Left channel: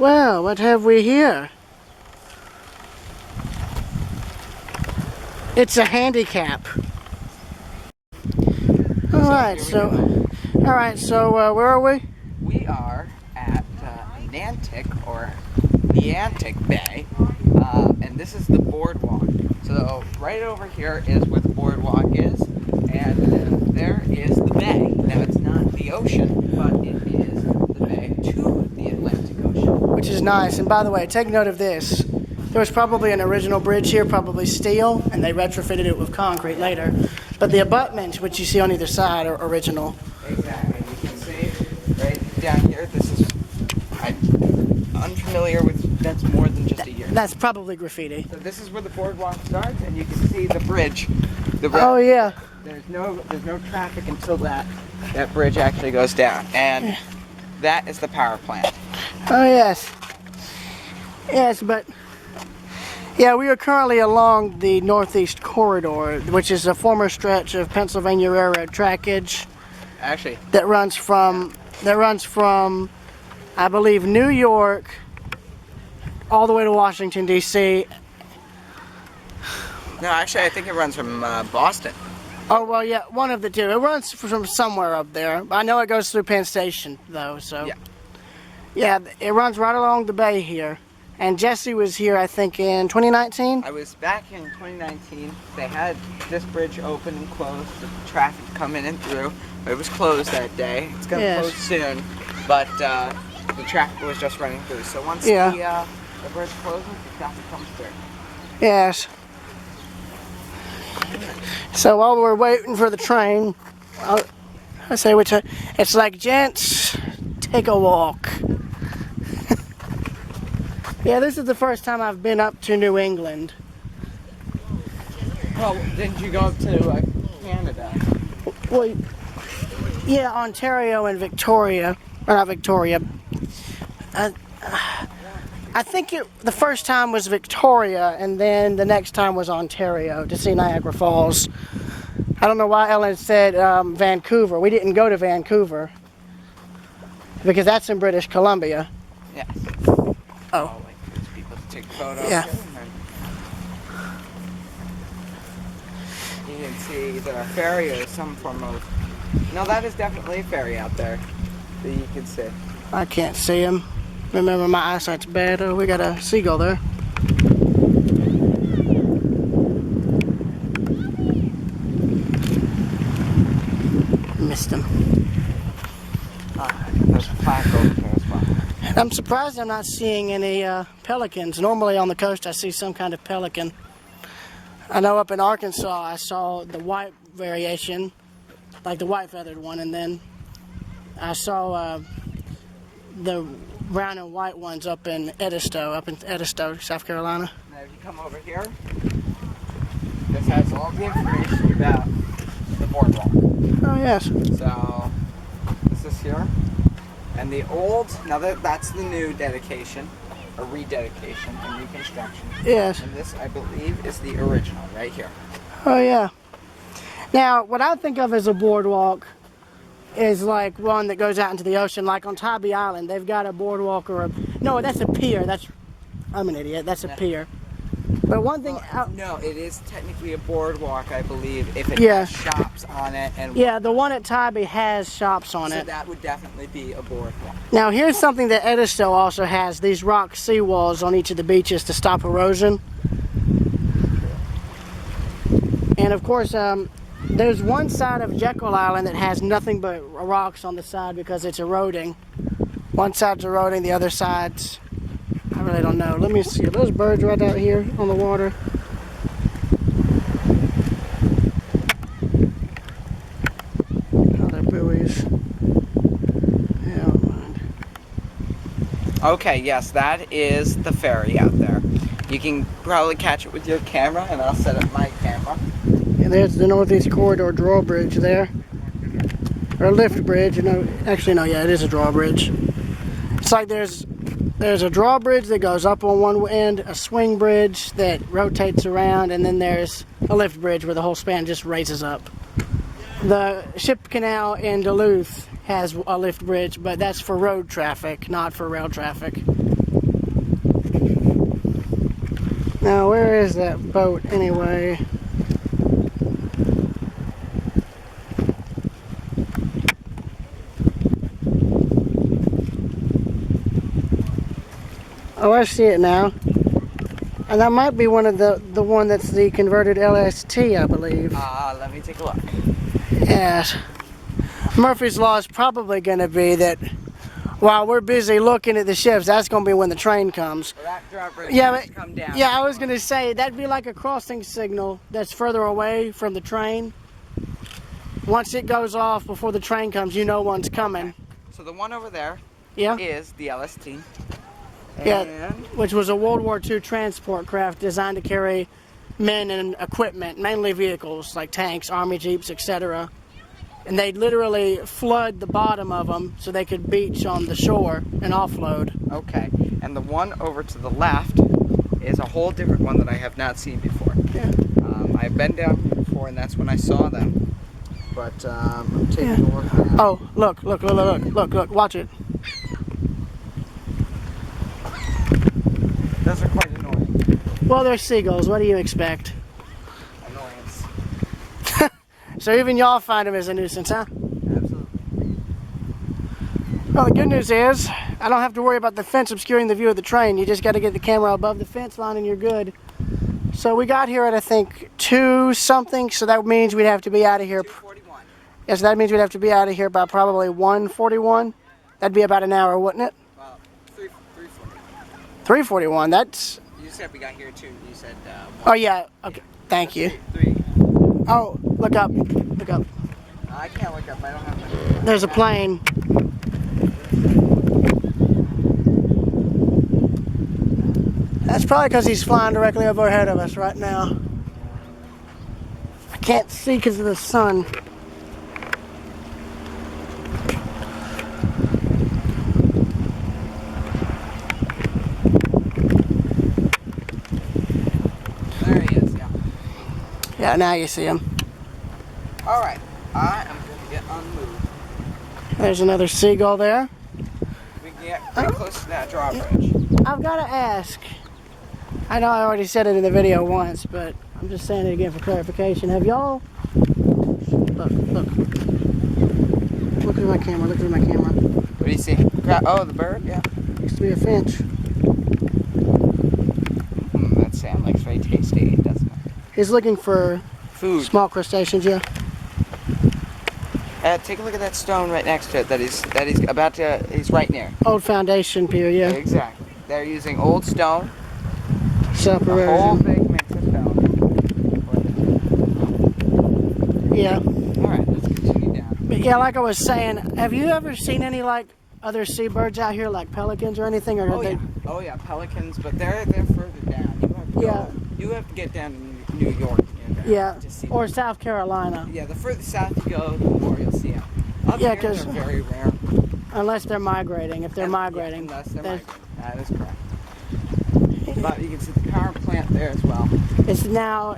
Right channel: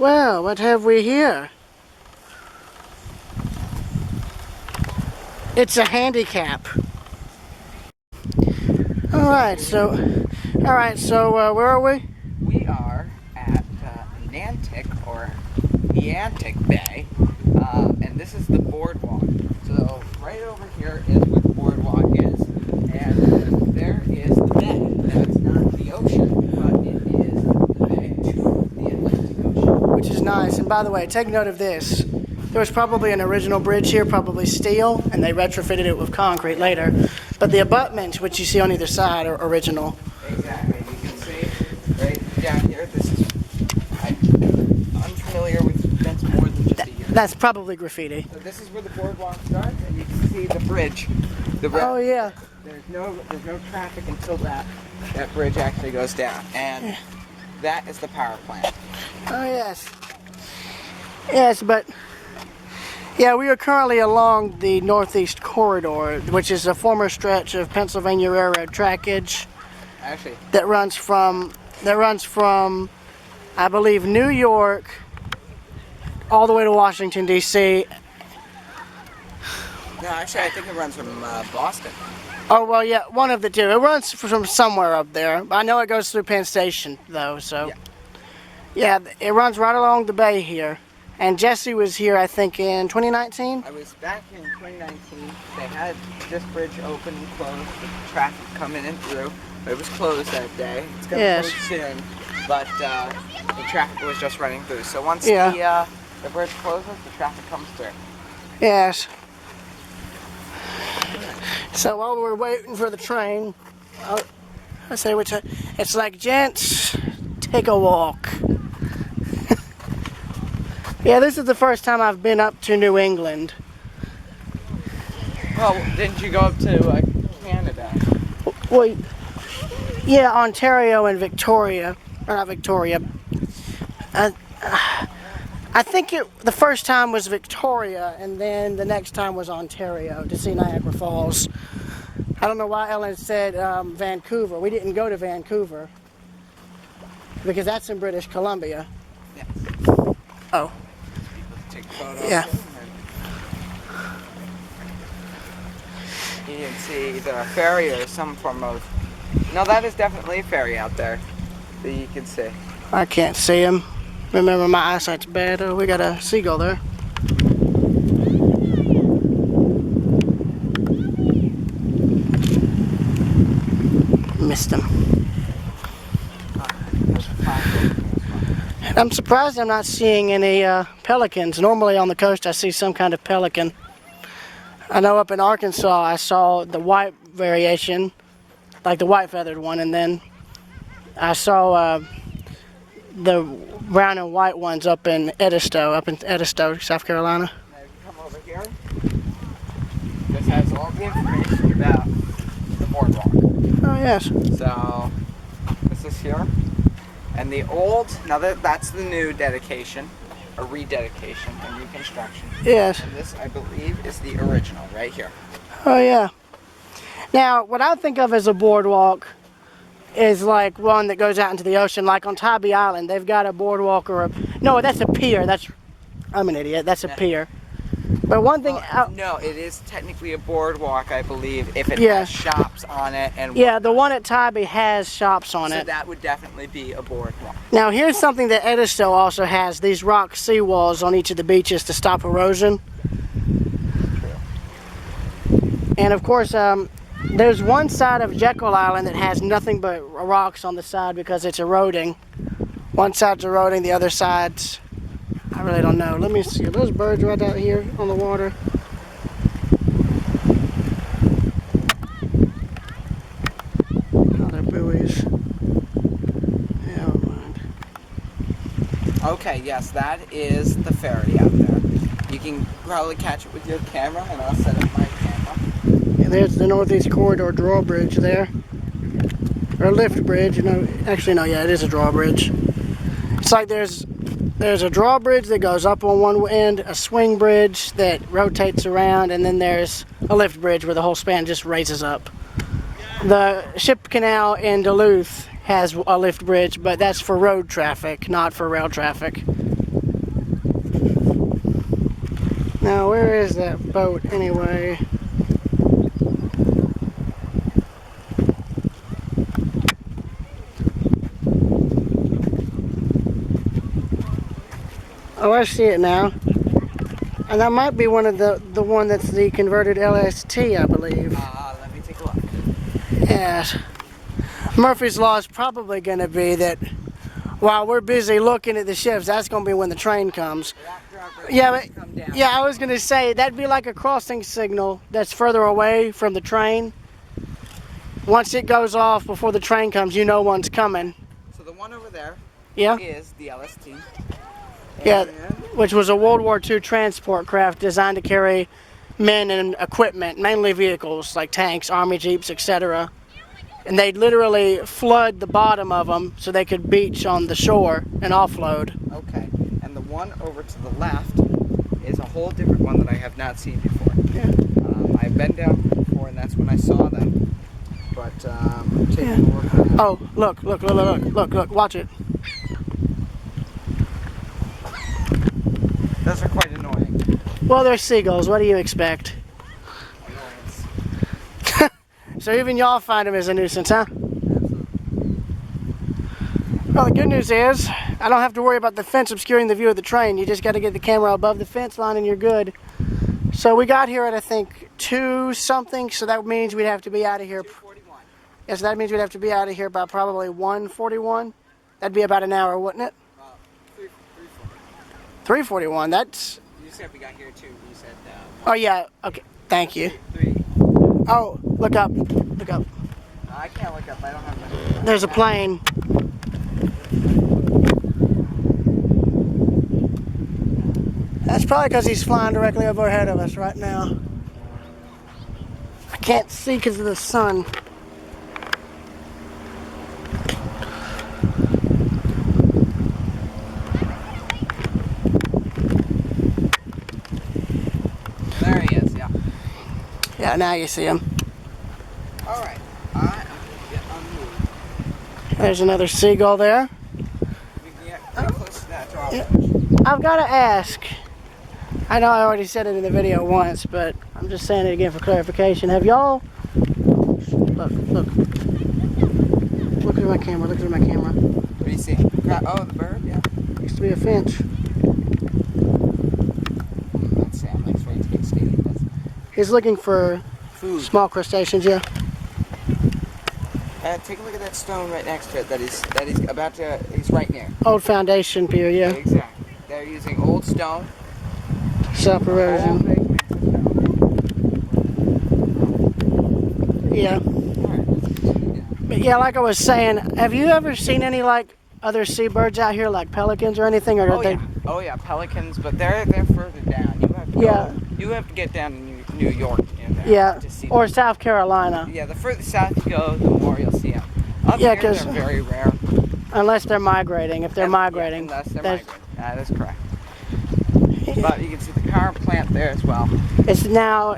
Well, what have we here? It's a handicap. Alright, so where are we? We are at Niantic, or Niantic Bay, and this is the Boardwalk. So right over here is where the Boardwalk is, and there is the bay. Now it's not the ocean, but it is the bay to the Atlantic Ocean. Which is nice, and by the way, take note of this. There was probably an original bridge here, probably steel, and they retrofitted it with concrete later. But the abutments, which you see on either side, are original. Exactly. You can see right down here, this is, I'm unfamiliar with, that's more than just a year. That's probably graffiti. So this is where the boardwalk starts, and you can see the bridge. Oh yeah. There's no traffic until that bridge actually goes down, and that is the power plant. Oh yes. Yes, but yeah, we are currently along the Northeast Corridor, which is a former stretch of Pennsylvania Railroad trackage. Actually, that runs from I believe New York all the way to Washington D.C. No, actually, I think it runs from Boston. Oh well, yeah, one of the two. It runs from somewhere up there. I know it goes through Penn Station though, so yeah, it runs right along the bay here. And Jesse was here, I think, in 2019? I was back in 2019. They had this bridge open and closed with traffic coming in through. But it was closed that day. It's going to close soon. But the traffic was just running through. So once the bridge closes, the traffic comes through. Yes. So while we're waiting for the train, I say it's like, gents, take a walk. Yeah, this is the first time I've been up to New England. Oh, didn't you go up to Canada? Well, yeah, Ontario and Victoria, or not Victoria. I think the first time was Victoria, and then the next time was Ontario to see Niagara Falls. I don't know why Ellen said Vancouver. We didn't go to Vancouver because that's in British Columbia. Yeah. Oh. Take photos. Yeah. You can see either a ferry or some form of. No, that is definitely a ferry out there that you can see. I can't see him. Remember, my eyesight's bad. Oh, we got a seagull there. Missed him. There's a plaque over here as well. I'm surprised I'm not seeing any pelicans. Normally on the coast I see some kind of pelican. I know up in Arkansas I saw the white variation, like the white feathered one, and then I saw the brown and white ones up in Edisto, South Carolina. Now if you come over here, this has all the information about the boardwalk. Oh yes. So this is here. And the old, now that's the new dedication, or rededication and reconstruction. Yes. And this, I believe, is the original right here. Oh yeah. Now, what I think of as a boardwalk is like one that goes out into the ocean, like on Tybee Island. They've got a boardwalk or no, that's a pier. I'm an idiot. That's a pier. But one thing, no, it is technically a boardwalk, I believe, if it has shops on it. And the one at Tybee has shops on it. So that would definitely be a boardwalk. Now here's something that Edisto also has, these rock seawalls on each of the beaches to stop erosion. And of course, there's one side of Jekyll Island that has nothing but rocks on the side because it's eroding. One side's eroding, the other side's, I really don't know. Let me see. Are those birds right out here on the water? Oh, they're buoys. Yeah, never mind. Okay, yes, that is the ferry out there. You can probably catch it with your camera, and I'll set up my camera. Yeah, there's the Northeast Corridor drawbridge there. Or lift bridge. Actually, no, yeah, it is a drawbridge. It's like there's a drawbridge that goes up on one end, a swing bridge that rotates around, and then there's a lift bridge where the whole span just raises up. The ship canal in Duluth has a lift bridge, but that's for road traffic, not for rail traffic. Now, where is that boat anyway? Oh, I see it now. And that might be one of the one that's the converted LST, I believe. Let me take a look. Yes. Murphy's Law is probably going to be that while we're busy looking at the ships, that's going to be when the train comes. Well, that driver Yeah, has but to come down. yeah, I was going to say that'd be like a crossing signal that's further away from the train. Once it goes off before the train comes, you know one's coming. So the one over there Yeah. is the LST. Yeah, And which was a World War II transport craft designed to carry men and equipment, mainly vehicles like tanks, army jeeps, etc. And they'd literally flood the bottom of them so they could beach on the shore and offload. okay. And the one over to the left is a whole different one that I have not seen before. Yeah. I've been down here before, and that's when I saw them. But I'm taking a look now. Oh, look, watch it. Those are quite annoying. Well, they're seagulls. What do you expect? Annoyance. So even y'all find them as a nuisance, huh? Absolutely. Well, the good news is I don't have to worry about the fence obscuring the view of the train. You just got to get the camera above the fence line and you're good. So we got here at, I think, 2 something, so that means we'd have to be out of here. 2:41. Yes, that means we'd have to be out of here by probably 1:41. That'd be about an hour, wouldn't it? 3:40. 3:41, that's... You said we got here too. You said. Oh, yeah, okay, thank you. 3. Oh, look up, look up. I can't look up. I don't have my. There's a plane. That's probably because he's flying directly overhead of us right now. I can't see because of the sun. There he is. Yeah. Yeah, now you see him. All right. I am going to get unmoved. There's another seagull there. We can get pretty close to that drawbridge. I've got to ask. I know I already said it in the video once, but I'm just saying it again for clarification. Have y'all... Look. Look at my camera, look at my camera. What do you see? Oh, the bird? Yeah. Used to be a finch. That sound looks very tasty, doesn't it? He's looking for Food. small crustaceans, yeah. Take a look at that stone right next to it that he's about to. He's right near. Old foundation pier, yeah. Exactly. They're using old stone. Self A whole erosion. big mix of stone. Yeah. All right. Let's take it down. But yeah, like I was saying, have you ever seen any like other seabirds out here, like pelicans or anything? Or Oh they... yeah. Oh yeah, pelicans, but they're further down. You have to Yeah. go. You have to get down to New York. Yeah. To see Or them. South Carolina, Yeah, the further south you go, the more you'll see them. Up Yeah, here, 'cause- they're very rare. unless they're migrating. If they're migrating, Yeah, unless they're there's- migrating. That is correct. But you can see the current plant there as well. It's now,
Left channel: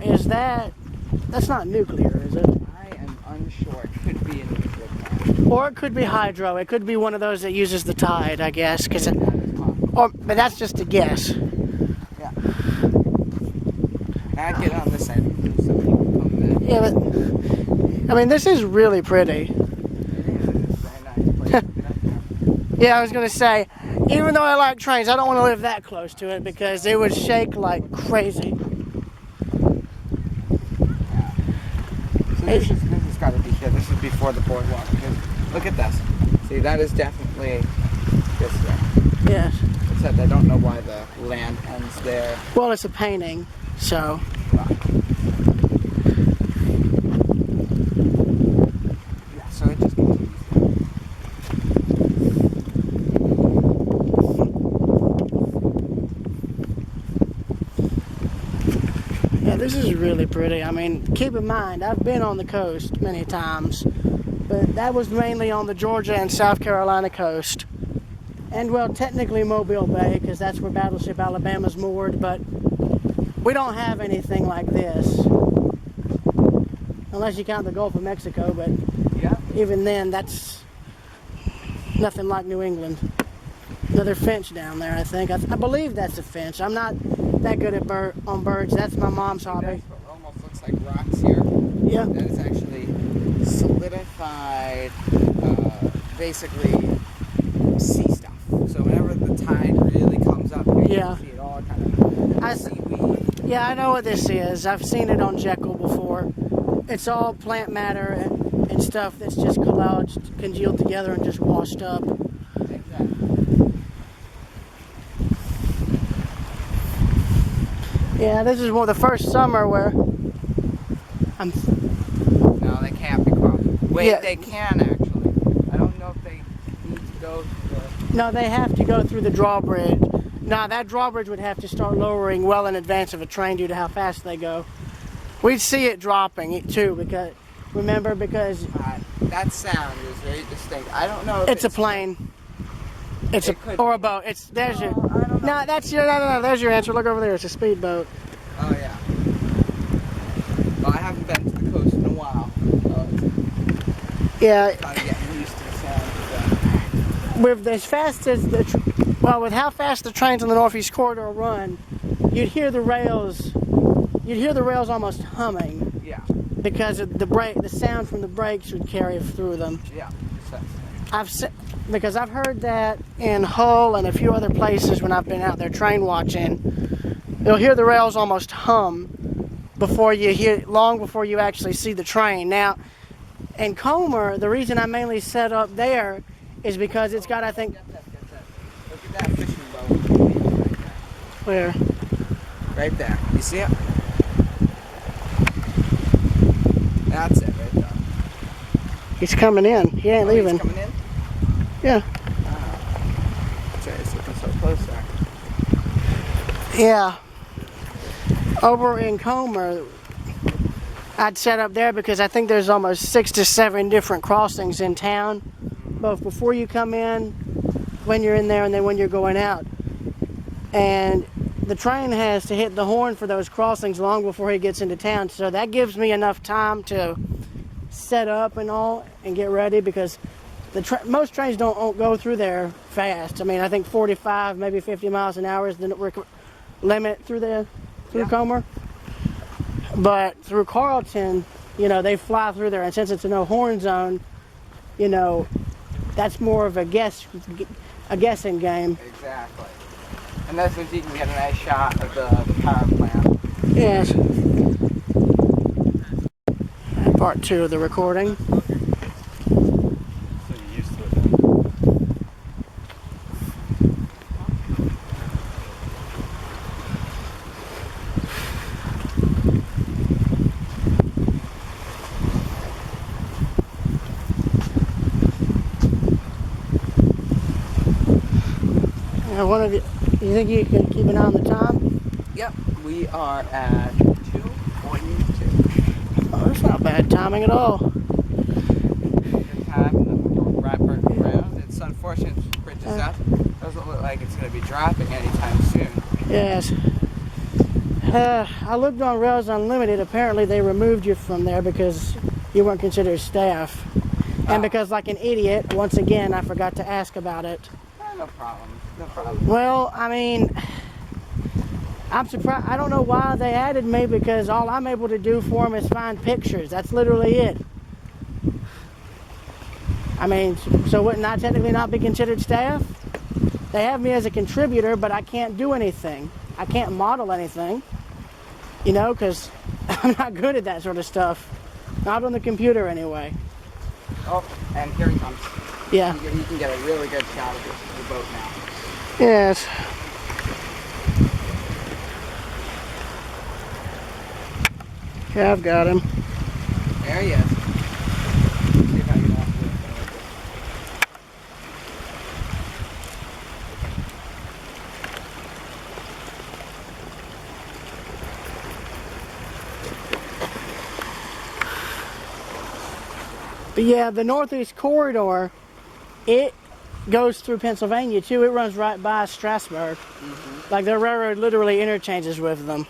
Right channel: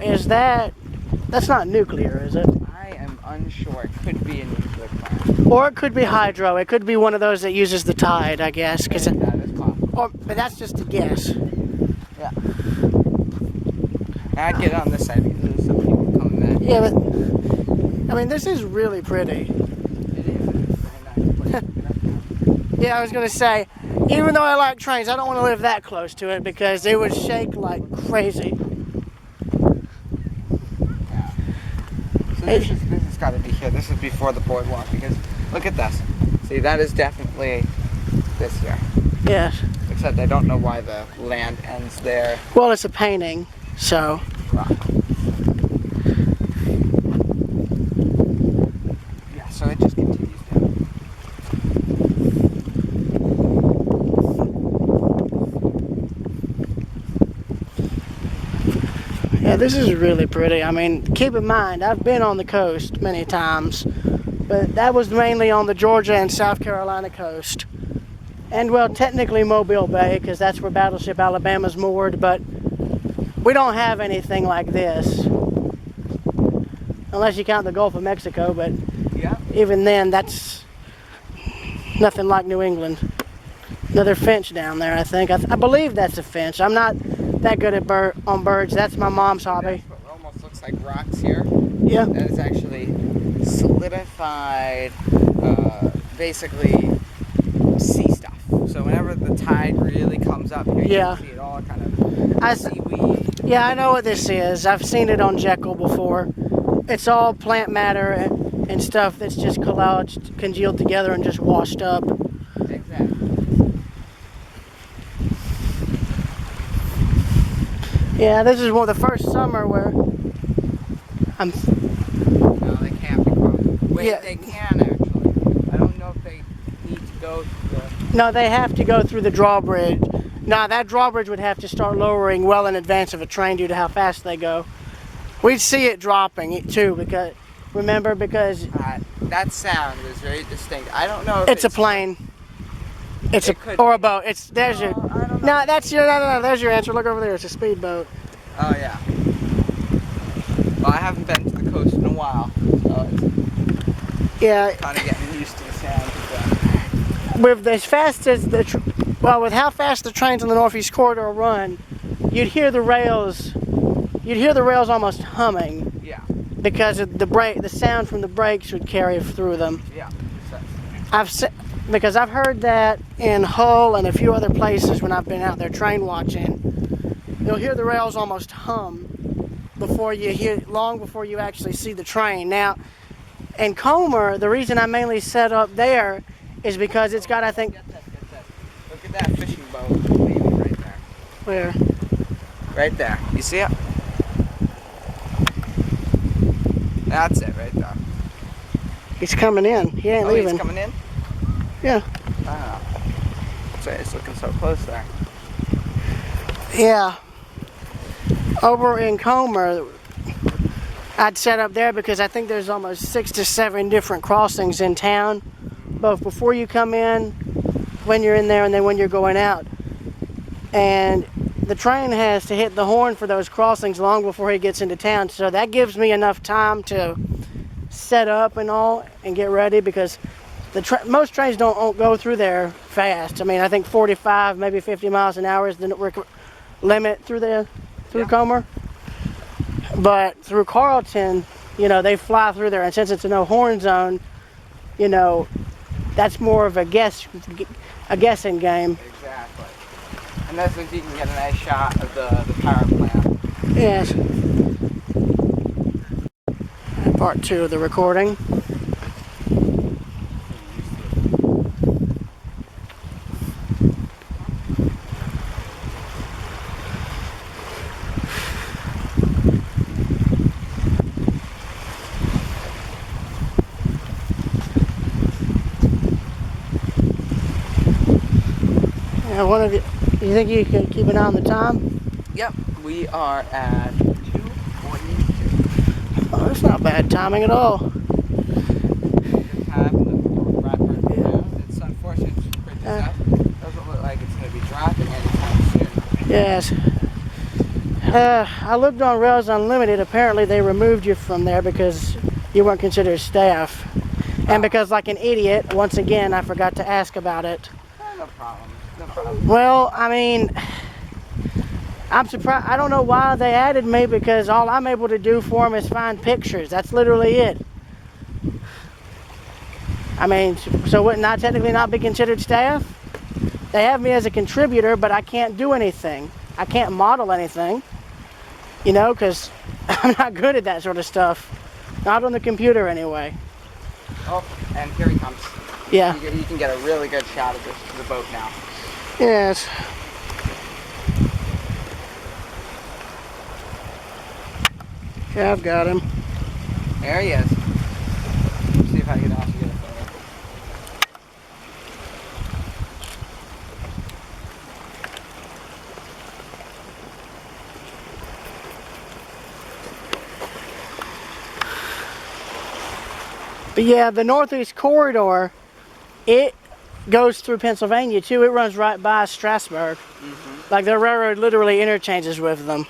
that's not nuclear, is it? I am unsure. It could be a nuclear plant. Or it could be hydro. It could be one of those that uses the tide, I guess. That is possible. But that's just a guess. Yeah. I'd get on this side because there's some people coming back. Yeah, but I mean, this is really pretty. It is. It is a very nice place to get up there. Yeah, I was gonna say, even though I like trains, I don't want to live that close to it because it would shake like crazy. Yeah. So this has got to be here. This is before the boardwalk because look at this. See, that is definitely this here. Yes. Except I don't know why the land ends there. Well, it's a painting, so. Yeah, so it just continues down. Yeah, this is really pretty. I mean, keep in mind, I've been on the coast many times, but that was mainly on the Georgia and South Carolina coast. And well, technically Mobile Bay, because that's where Battleship Alabama's moored, but we don't have anything like this. Unless you count the Gulf of Mexico, but Yeah. even then, that's nothing like New England. Another finch down there, I think. I believe that's a finch. I'm not that good at on birds. That's my mom's hobby. That's what almost looks like rocks here. Yeah. That is actually solidified, basically sea stuff. So whenever the tide really comes up here, Yeah. you can see it all kind of seaweed. Yeah, I know what this is. I've seen it on Jekyll before. It's all plant matter and stuff that's just collaged, congealed together and just washed up. Exactly. Yeah, this is the first summer where I'm. No, they can't be crossed. Wait, Yeah. they can actually. I don't know if they need to go through the... No, they have to go through the drawbridge. Now, that drawbridge would have to start lowering well in advance of a train due to how fast they go. We'd see it dropping too, because that sound is very distinct. I don't know if it's a plane. It's It a could or a be. boat. There's your. I don't know. No, that's your. No. There's your answer. Look over there. It's a speedboat. Oh yeah. Well, I haven't been to the coast in a while, so it's Yeah. kind of getting used to the sound of that. With as fast as with how fast the trains on the Northeast Corridor run, you'd hear the rails. You'd hear the rails almost humming Yeah. because of the sound from the brakes would carry through them. Yeah. Precisely. Because I've heard that in Hull and a few other places when I've been out there train watching. You'll hear the rails almost hum long before you actually see the train. Now, in Comer, the reason I mainly set up there is because it's got, I think, Get that. Look at that fishing boat leaving right there. where? Right there. You see it? That's it right there. He's coming in. He ain't Oh, leaving. he's coming in? Yeah. Wow. That's why he's looking so close there. Yeah. Over in Comer, I'd set up there because I think there's almost 6 to 7 different crossings in town, both before you come in, when you're in there, and then when you're going out. And the train has to hit the horn for those crossings long before he gets into town, so that gives me enough time to set up and all and get ready, because most trains don't go through there fast. I mean, I think 45, maybe 50 miles an hour is the limit through Comer. But through Carlton, they fly through there, and since it's a no horn zone, that's more of a guessing game. Exactly. And that's if you can get a nice shot of the power plant. Yes. Part 2 of the recording. You think you can keep an eye on the time? Yep. We are at 2:42. Oh, that's not bad timing at all. Good time, and then we'll wrap around. It's unfortunate to print this up. Doesn't look like it's going to be dropping anytime soon. Yes. I looked on Rails Unlimited. Apparently they removed you from there because you weren't considered staff. And because, like an idiot, once again, I forgot to ask about it. No problem. No problem. Well, I mean, I'm surprised. I don't know why they added me, because all I'm able to do for them is find pictures. That's literally it. I mean, so wouldn't I technically not be considered staff? They have me as a contributor, but I can't do anything. I can't model anything, because I'm not good at that sort of stuff. Not on the computer, anyway. Oh, and here he comes. Yeah. You can get a really good shot of the boat now. Yes. Yeah, I've got him. There he is. Let's see if I can also get a photo. But yeah, the Northeast Corridor, it goes through Pennsylvania too. It runs right by Strasburg. Like the railroad literally interchanges with them.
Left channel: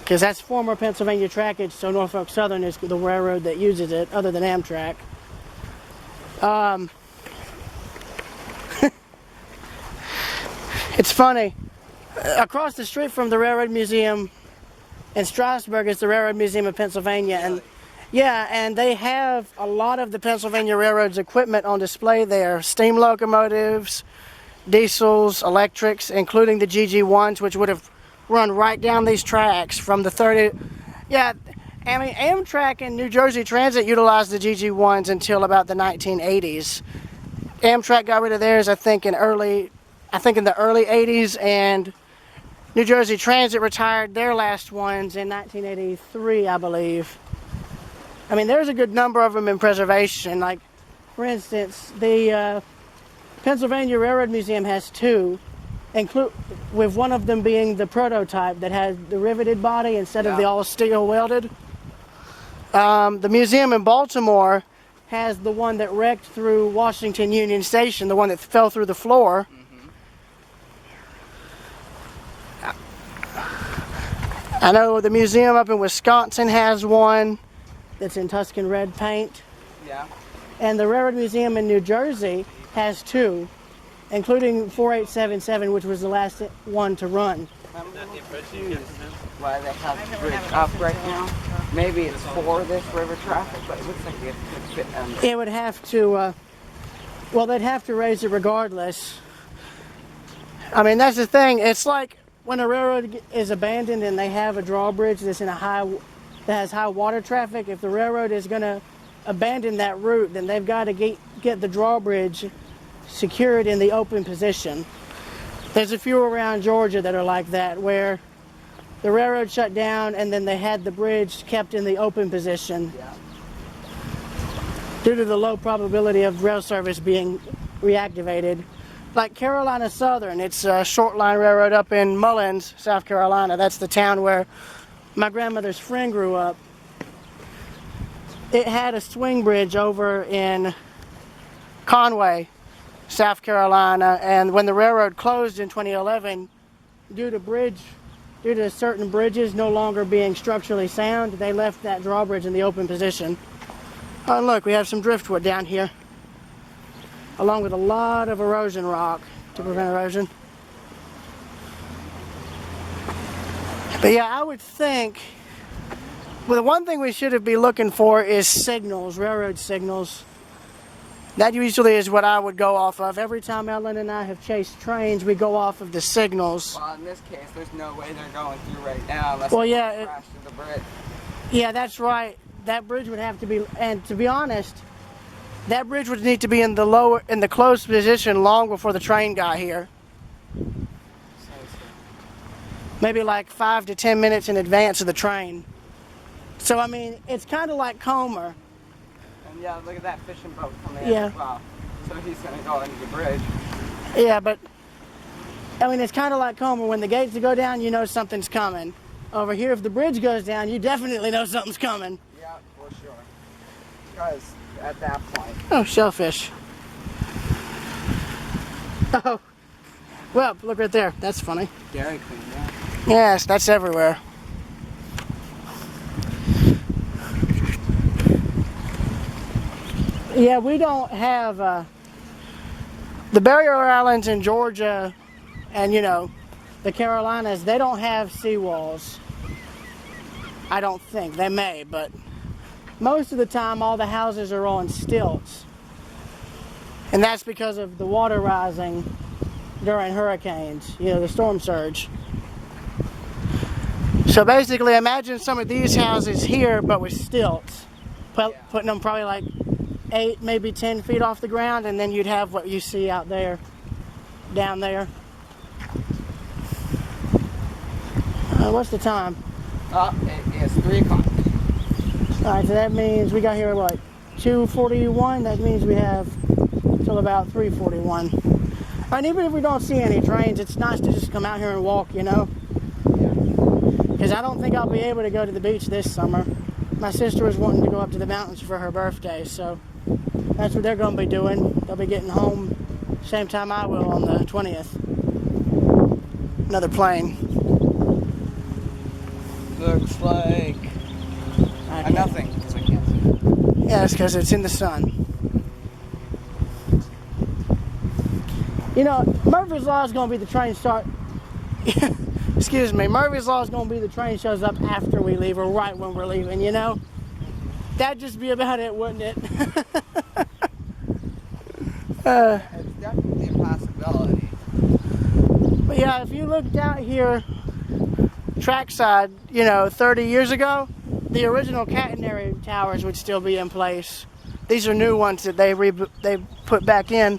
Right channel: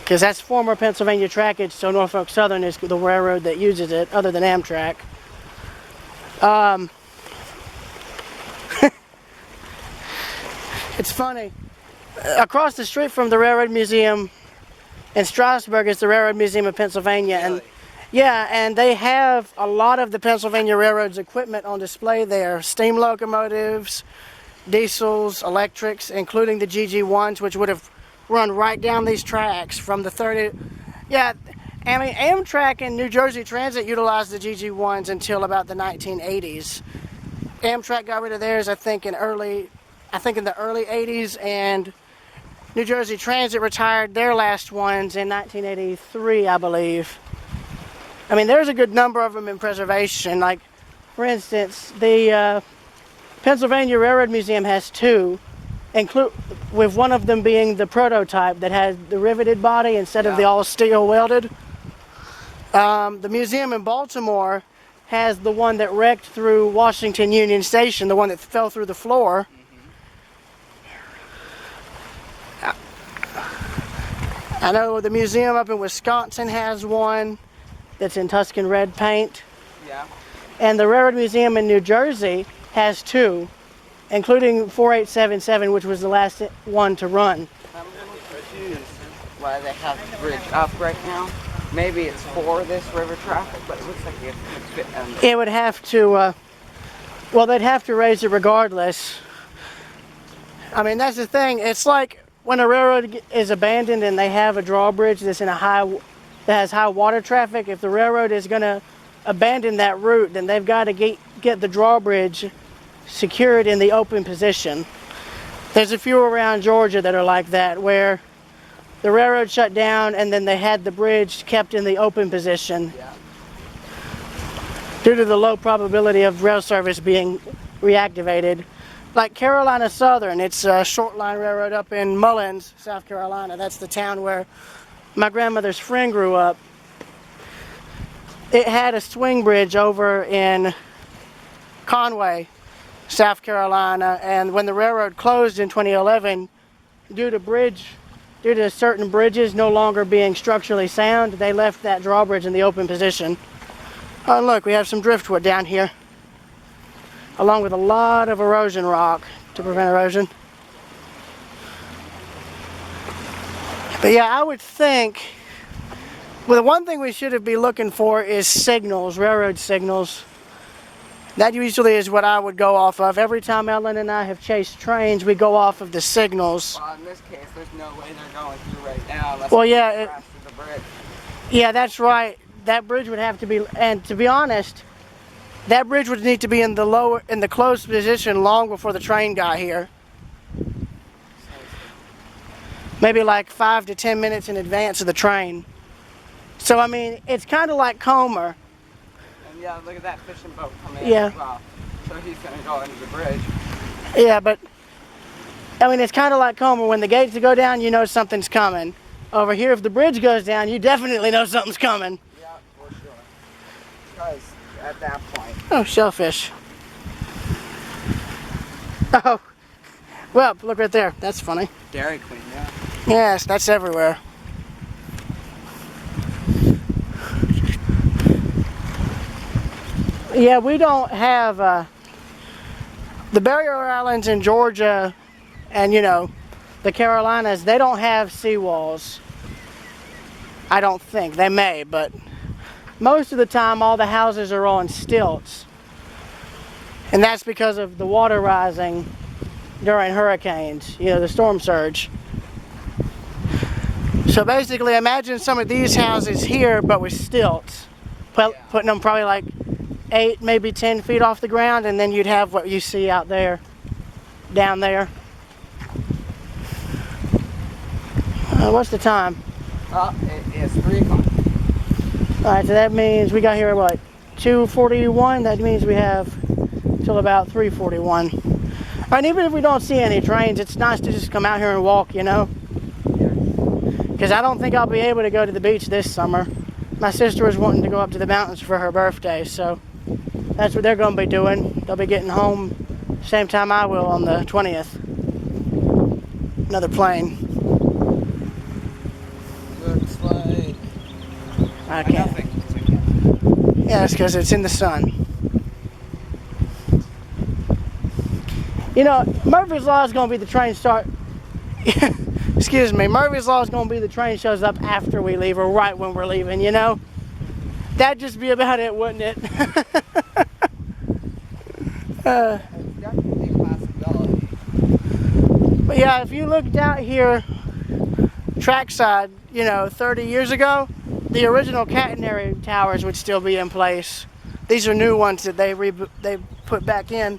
Because that's former Pennsylvania trackage, so Norfolk Southern is the railroad that uses it, other than Amtrak. It's funny. Across the street from the Railroad Museum in Strasburg is the Railroad Museum of Pennsylvania. And Really? yeah, and they have a lot of the Pennsylvania Railroad's equipment on display there. Steam locomotives, diesels, electrics, including the GG1s, which would have run right down these tracks from the 30. Yeah, I mean, Amtrak and New Jersey Transit utilized the GG1s until about the 1980s. Amtrak got rid of theirs, I think, in the early 80s, and New Jersey Transit retired their last ones in 1983, I believe. I mean, there's a good number of them in preservation. Like, for instance, the Pennsylvania Railroad Museum has two, with one of them being the prototype that has the riveted body instead of the all steel welded. The museum in Baltimore has the one that wrecked through Washington Union Station, the one that fell through the floor. I know the museum up in Wisconsin has one that's in Tuscan red paint. Yeah. And the Railroad Museum in New Jersey has two, including 4877, which was the last one to run. I'm a little confused why they have the bridge up right now. Maybe it's for this river traffic, but it looks like it could fit under. It would have to, well, they'd have to raise it regardless. I mean, that's the thing. It's like when a railroad is abandoned and they have a drawbridge that's in that has high water traffic. If the railroad is going to abandon that route, then they've got to get the drawbridge secured in the open position. There's a few around Georgia that are like that, where the railroad shut down and then they had the bridge kept in the open position due to the low probability of rail service being reactivated. Like Carolina Southern, it's a short line railroad up in Mullins, South Carolina. That's the town where my grandmother's friend grew up. It had a swing bridge over in Conway, South Carolina, and when the railroad closed in 2011, due to certain bridges no longer being structurally sound, they left that drawbridge in the open position. Oh, look, we have some driftwood down here, along with a lot of erosion rock to prevent erosion. But yeah, I would think, well, the one thing we should be looking for is signals, railroad signals. That usually is what I would go off of. Every time Ellen and I have chased trains, we go off of the signals. Well, in this case, there's no way they're going through right now unless Well, they yeah, crash through the bridge. Yeah, that's right. That bridge would have to be, and to be honest, that bridge would need to be in the closed position long before the train got here. Maybe like 5 to 10 minutes in advance of the train. So, I mean, it's kind of like Comer. And yeah, look at that fishing boat coming in Yeah. as well. So he's going to go into the bridge. Yeah, but, I mean, it's kind of like Comer. When the gates go down, you know something's coming. Over here, if the bridge goes down, you definitely know something's coming. Yeah, for sure. Because at that point. Oh, shellfish. Oh, well, look right there. That's funny. Dairy Queen, yeah. Yes, that's everywhere. Yeah, we don't have the barrier islands in Georgia and, you know, the Carolinas, they don't have seawalls. I don't think. They may, but most of the time all the houses are on stilts. And that's because of the water rising during hurricanes, you know, the storm surge. So basically, imagine some of these houses here, but with stilts. Putting them probably like 8, maybe 10 feet off the ground, and then you'd have what you see out there, down there. What's the time? It is 3 o'clock. All right, so that means we got here at what, 2:41? That means we have till about 3:41. All right, even if we don't see any trains, it's nice to just come out here and walk, you know? Yeah. Because I don't think I'll be able to go to the beach this summer. My sister was wanting to go up to the mountains for her birthday, so that's what they're going to be doing. They'll be getting home same time I will on the 20th. Another plane. Looks like Okay. nothing, because I can't. Yeah, it's because it's in the sun. You know, Murphy's Law is going to be the train start. Excuse me, Murphy's Law is going to be the train shows up after we leave or right when we're leaving, you know? That'd just be about it, wouldn't it? It's definitely a possibility. But yeah, if you looked out here, trackside, you know, 30 years ago, the original catenary towers would still be in place. These are new ones that they put back in.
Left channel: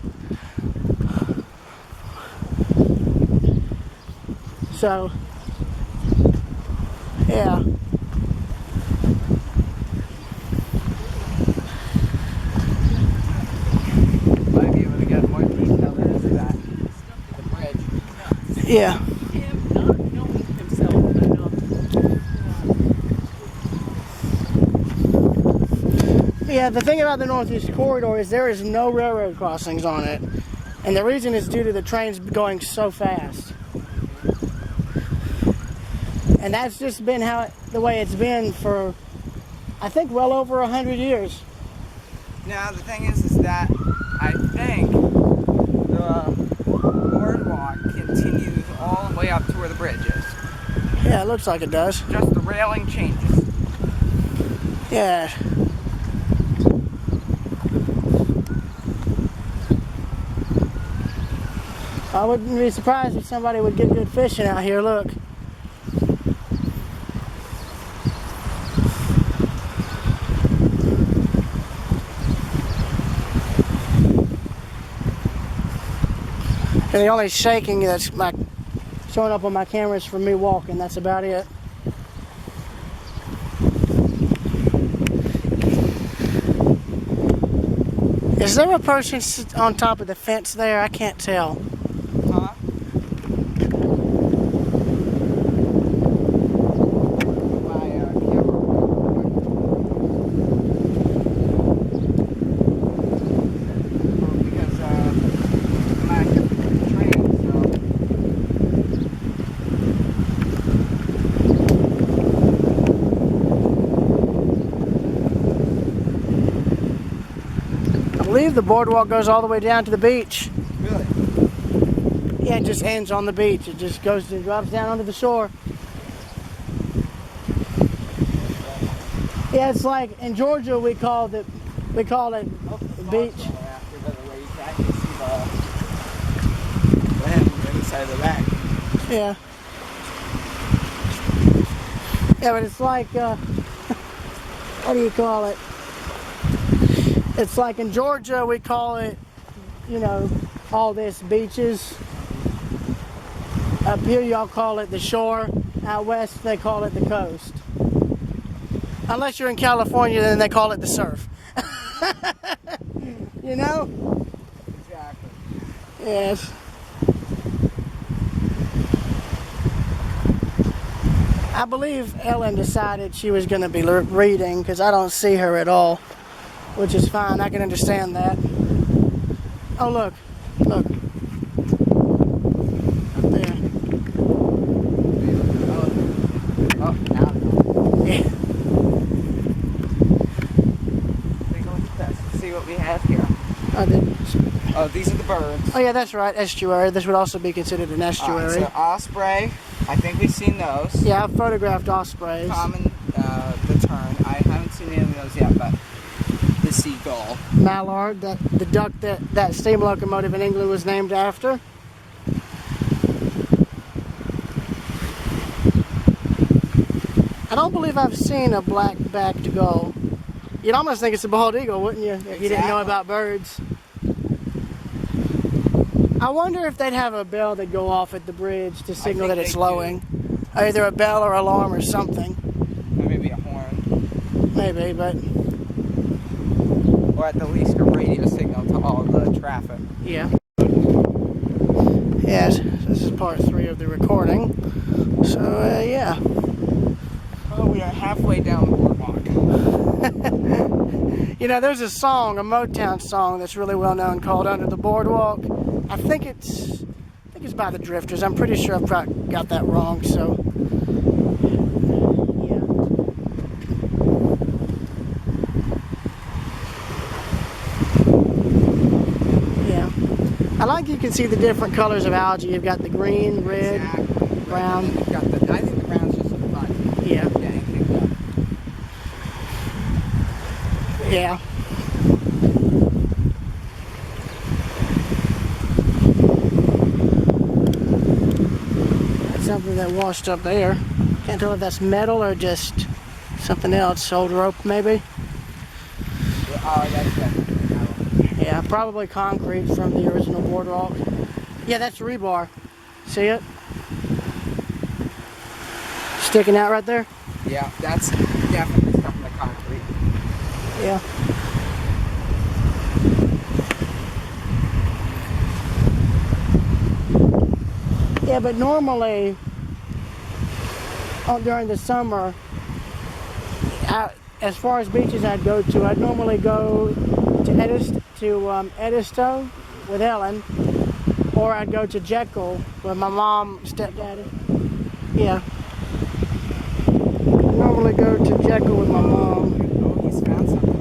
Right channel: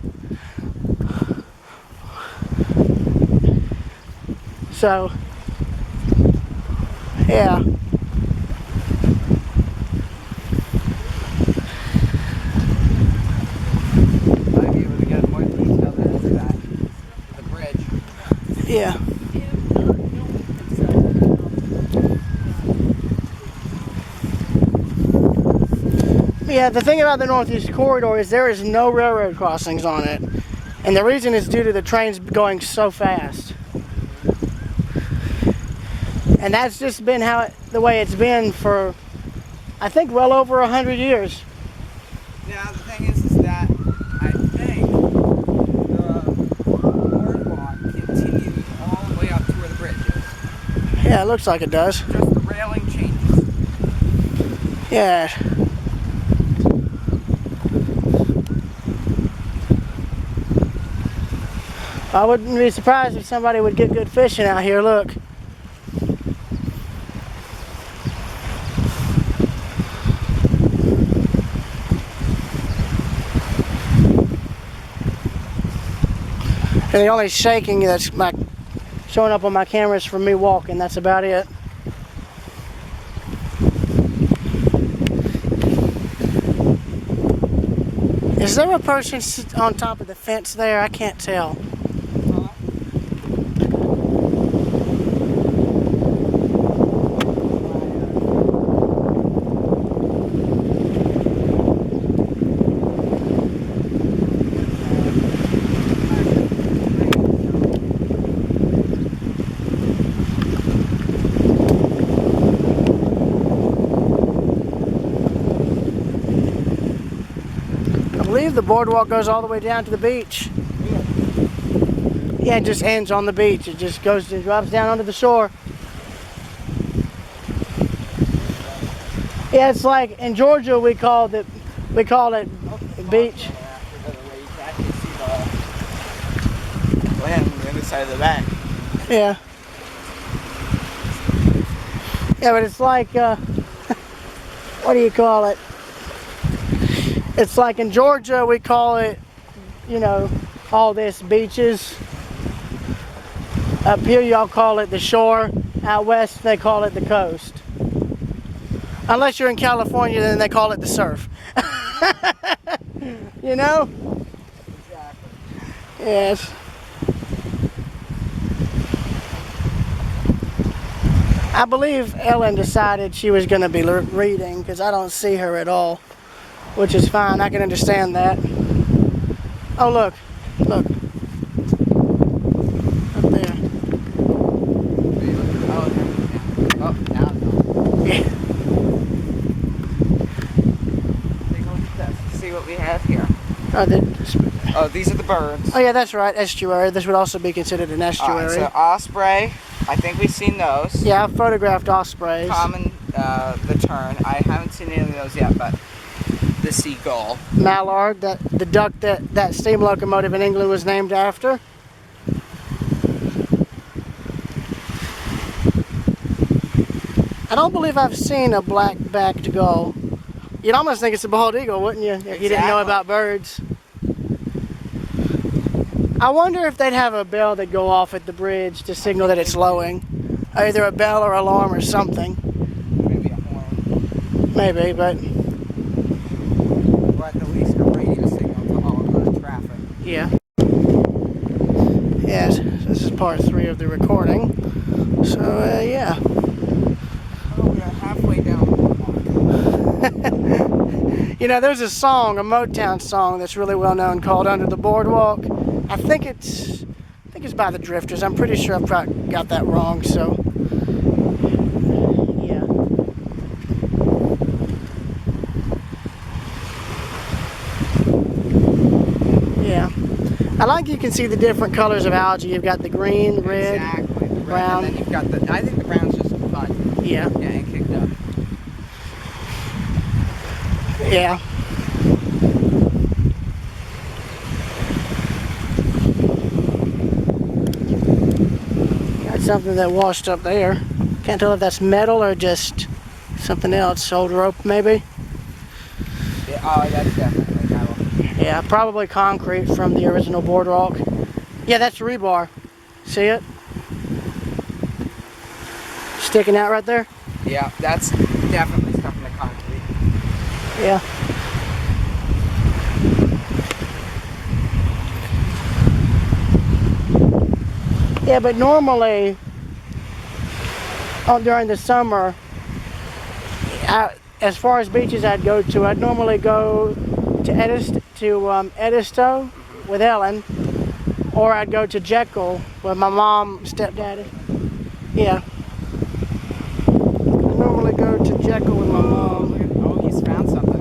So, yeah. Might be able to get more detail into that, to the bridge. Yeah. Yeah, the thing about the Northeast Corridor is there is no railroad crossings on it. And the reason is due to the trains going so fast. And that's just been the way it's been for, I think, well over 100 years. Now the thing is that I think the boardwalk continues all the way up to where the bridge is. Yeah, it looks like it does. Just the railing changes. Yeah. I wouldn't be surprised if somebody would get good fishing out here, look. And the only shaking that's showing up on my camera is from me walking, that's about it. Is there a person on top of the fence there? I can't tell. Huh? I believe the boardwalk goes all the way down to the beach. Really? Yeah, it just ends on the beach. It just goes and drops down onto the shore. Yeah, it's like in Georgia we call it beach. You can actually see the land on the other side of the bank. Yeah. Yeah, but it's like what do you call it? It's like in Georgia we call it, you know, all this beaches. Up here y'all call it the shore. Out west they call it the coast. Unless you're in California, then they call it the surf. You know? Exactly. Yes. I believe Ellen decided she was going to be reading because I don't see her at all, which is fine. I can understand that. Oh, look. Look. Up there. Oh, now it's gone. Yeah. Take a look at this. Let's see what we have here. Oh, These are the birds. oh, yeah, that's right. Estuary. This would also be considered an estuary. So osprey, I think we've seen those. Yeah, I've photographed ospreys. Common, the tern. I haven't seen any of those yet, but the seagull. Mallard, the duck that steam locomotive in England was named after. I don't believe I've seen a black-backed gull. You'd almost think it's a bald eagle, wouldn't you, if you didn't know about birds? I wonder if they'd have a bell that go off at the bridge to signal that it's lowing. Either a bell or alarm or something. Or maybe a horn. Maybe, but Or at the least a radio signal to all the traffic. yeah. Yes, this is part 3 of the recording. So, yeah. Oh, we are halfway down the boardwalk. You know, there's a song, a Motown song that's really well known called Under the Boardwalk. I think it's by the Drifters. I'm pretty sure I've probably got that wrong, so yeah. Yeah. I like you can see the different colors of algae. You've got the green, red. Exactly. The brown. And then you've got I think the brown's just mud. Yeah. Getting kicked up. Yeah. Got something that washed up there. Can't tell if that's metal or just something else. Old rope, maybe. Yeah, oh, that's definitely metal. Yeah, probably concrete from the original boardwalk. Yeah, that's rebar. See it? Sticking out right there? Yeah, that's definitely stuff in the concrete. Yeah. Yeah, but normally, during the summer, as far as beaches I'd go to, I'd normally go to Edisto with Ellen, or I'd go to Jekyll with my mom, stepdaddy. Yeah. I normally go to Jekyll with my mom. Oh, he's found something.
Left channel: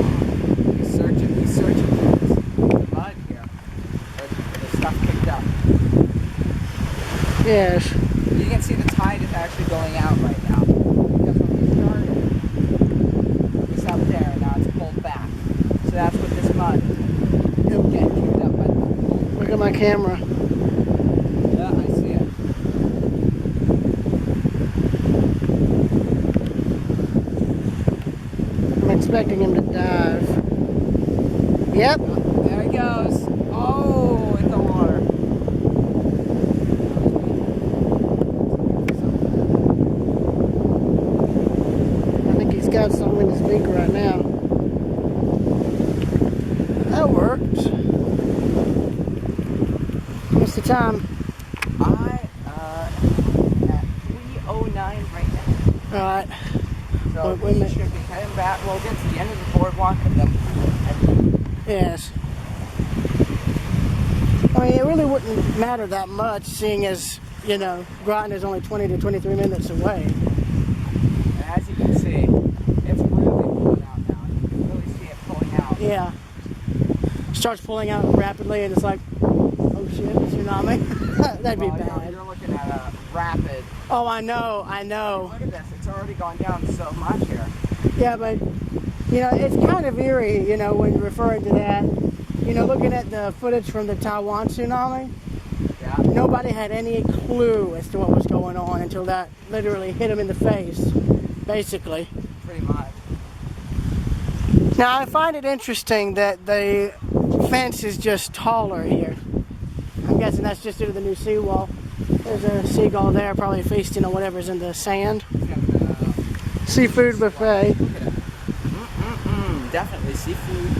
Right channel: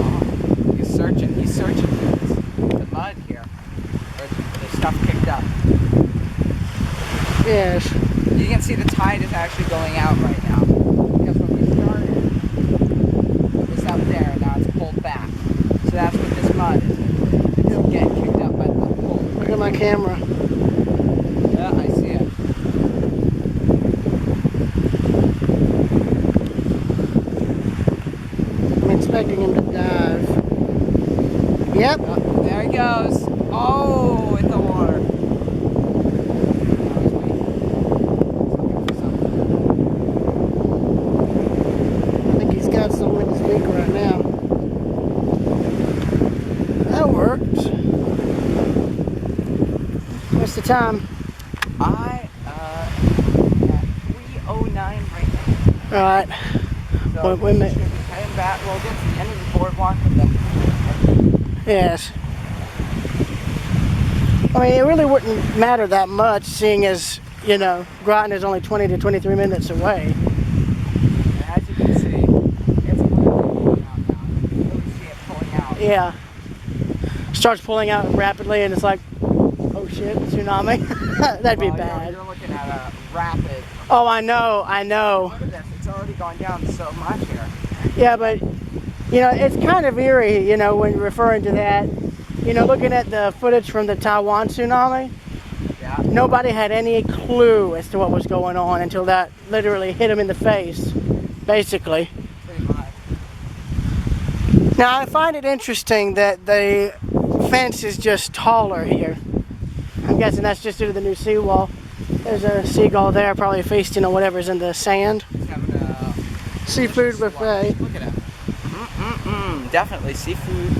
Oh, he's searching for the mud here. Or the stuff kicked up. Yes. You can see the tide is actually going out right now. Because when we started, it was up there and now it's pulled back. So that's what this mud is. It's getting kicked up by the pull. Look at my camera. Yeah, I see it. I'm expecting him to dive. Yep. Oh, there he goes. Oh, in the water. Now he's waiting. He's looking for something. I think he's got something in his beak right now. That worked. What's the time? At 3:09 right now. All right. So Wait a we minute. should be heading back. We'll get to the end of the boardwalk and then we'll head back. Yes. I mean, it really wouldn't matter that much, seeing as, you know, Groton is only 20 to 23 minutes away. And as you can see, it's really pulling out now. You can really see it pulling out. Yeah. Starts pulling out rapidly, and it's like, oh shit, tsunami. That'd be bad. You're looking at a rapid. Oh, I know. Look at this. It's already gone down so much here. Yeah, but, you know, it's kind of eerie, you know, when you're referring to that. You know, looking at the footage from the Taiwan tsunami, Yeah. nobody had any clue as to what was going on until that literally hit them in the face, basically. Pretty much. Now, I find it interesting that the fence is just taller here. I'm guessing that's just due to the new seawall. There's a seagull there, probably feasting on whatever's in the sand. He's having a Seafood buffet. Look at him. Definitely seafood.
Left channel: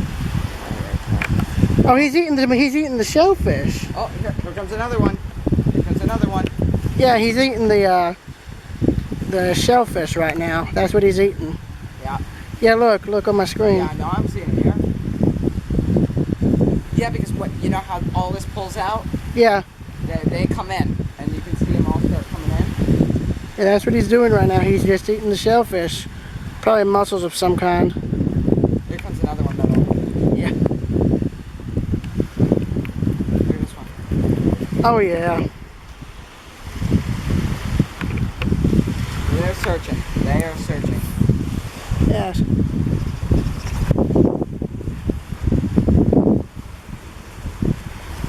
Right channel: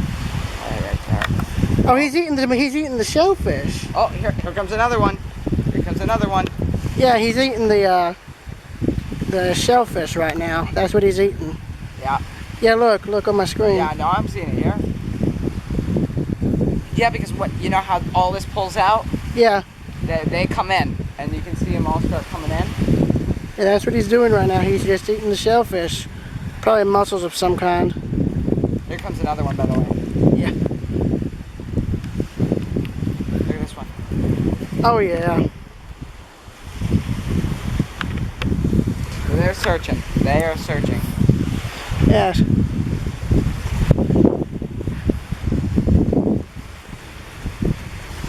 Oh, he's eating the shellfish. Oh, here comes another one. Here comes another one. Yeah, he's eating the shellfish right now. That's what he's eating. Yeah. Yeah, look on my screen. Yeah, no, I'm seeing it here. Yeah, because you know how all this pulls out? Yeah. They come in, and you can see them all start coming in. Yeah, that's what he's doing right now. He's just eating the shellfish. Probably mussels of some kind. Here comes another one, by the way. Yeah. Look at this one. Oh, yeah. They're searching. They are searching. Yes.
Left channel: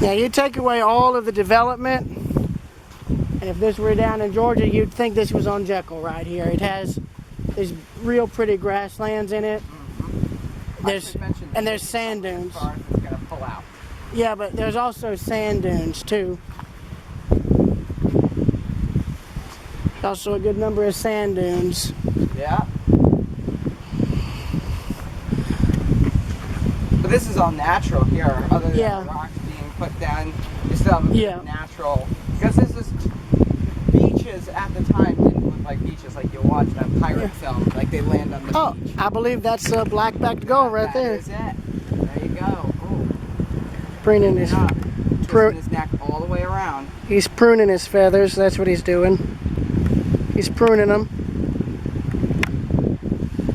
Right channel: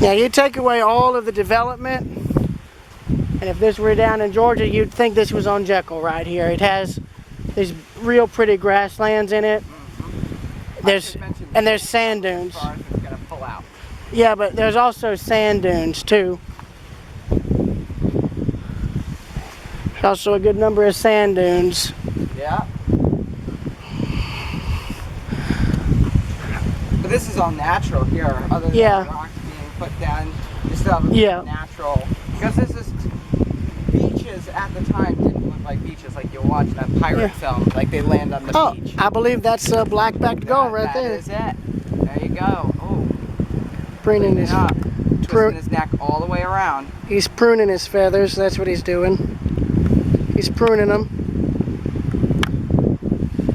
Now, you take away all of the development, and if this were down in Georgia, you'd think this was on Jekyll right here. It has these real pretty grasslands in it. There's sand dunes. As far as it's gonna pull out. Yeah, but there's also sand dunes too. There's also a good number of sand dunes. Yeah. But this is all natural here, other than the rocks being put down. You still have a bit of natural. Because this is beaches at the time didn't look like beaches like you watch that pirate film. Like they land on the beach. I believe that's a black-backed gull right there. That is it. There you go. Oh. Pruning his twisting his neck all the way around. He's pruning his feathers. That's what he's doing. He's pruning them.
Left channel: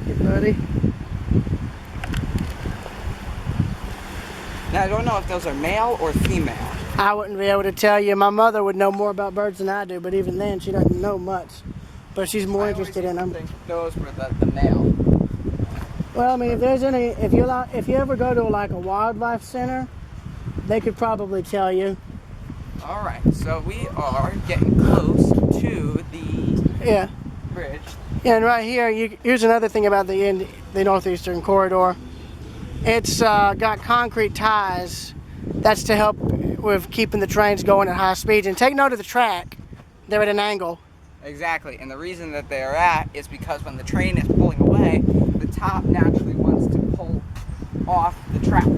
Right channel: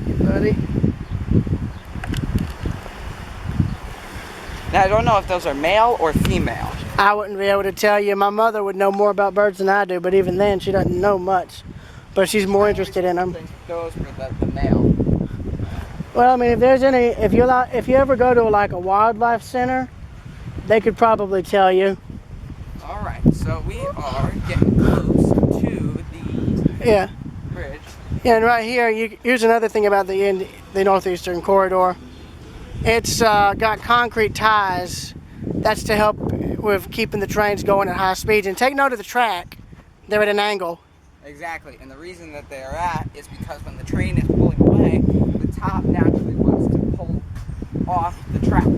Hey, buddy. Now, I don't know if those are male or female. I wouldn't be able to tell you. My mother would know more about birds than I do, but even then, she doesn't know much. But she's more interested in them. I think those were the male. Well, I mean, if there's any, if you ever go to like a wildlife center, they could probably tell you. All right, so we are getting close to the bridge. Yeah, and right here, here's another thing about the Northeastern Corridor. It's got concrete ties. That's to help with keeping the trains going at high speeds. And take note of the track. They're at an angle. Exactly, and the reason that they are at is because when the train is pulling away, the top naturally wants to pull off the track.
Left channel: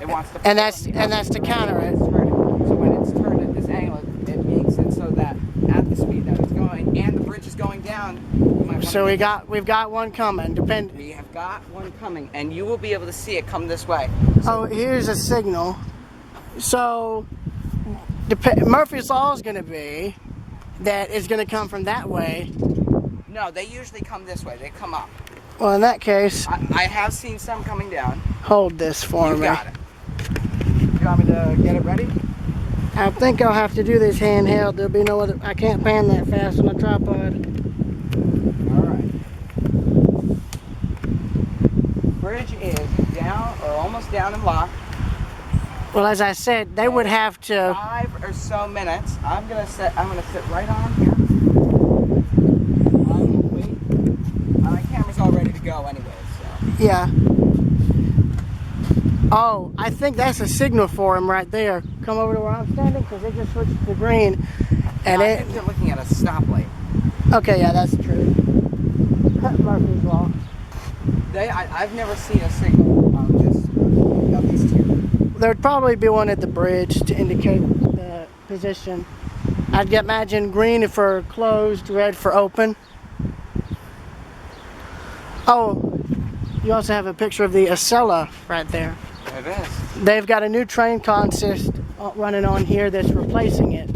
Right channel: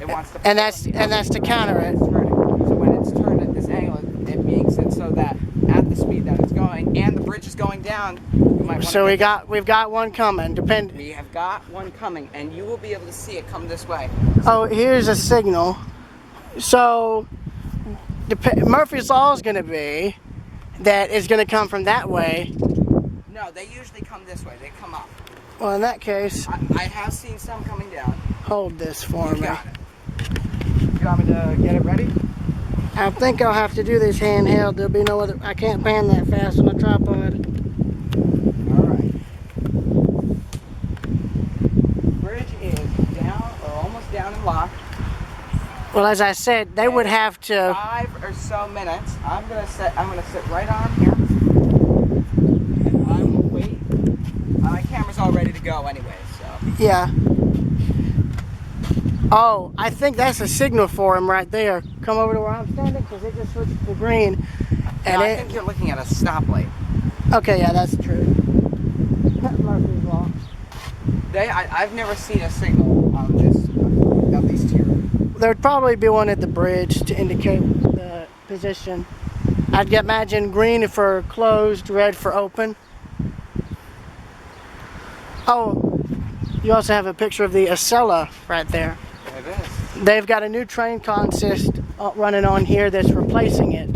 It wants to pull and that's to counter it. So when it's turned at this angle, it makes it so that at the speed that it's going and the bridge is going down, you might want so we've got one coming. We have got one coming, and you will be able to see it come this way. So, here's a signal. So Murphy's Law is going to be that it's going to come from that way. No, they usually come this way. They come up. Well, in that case, I have seen some coming down. Hold this for me. You got it. You want me to get it ready? I think I'll have to do this handheld. There'll be no other. I can't pan that fast on a tripod. All right. Bridge is down or almost down and locked. Well, as I said, they would have to. 5 or so minutes. I'm gonna sit right on here. And I will wait. My camera's all ready to go anyway, so. Yeah. Oh, I think that's a signal for him right there. Come over to where I'm standing because it just switched to green. And no, I think you're looking at a stoplight. Okay, yeah, that's true. Murphy's Law. I've never seen a signal on this, at least here. There'd probably be one at the bridge to indicate the position. I'd imagine green for closed, red for open. Oh, you also have a picture of the Acela right there. It is. They've got a new train consist running on here that's replacing it.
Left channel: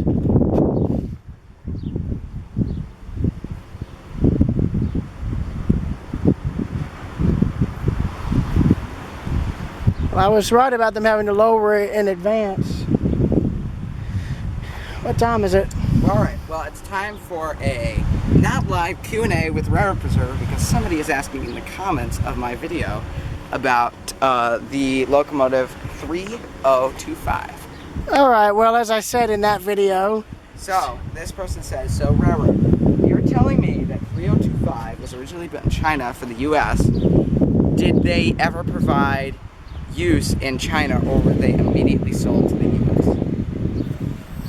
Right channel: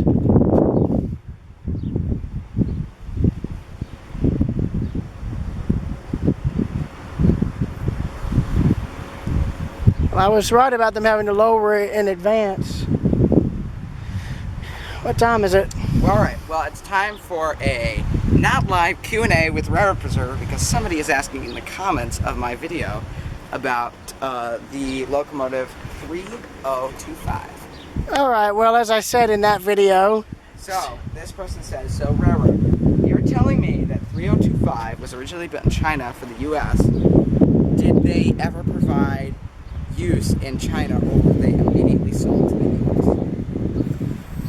Well, I was right about them having to lower it in advance. What time is it? All right. Well, it's time for a not live Q&A with Railroad Preserver because somebody is asking in the comments of my video about the locomotive 3025. All right. Well, as I said in that video. So this person says, so Railroad, you're telling me that 3025 was originally built in China for the U.S. Did they ever provide use in China, or were they immediately sold to the U.S.?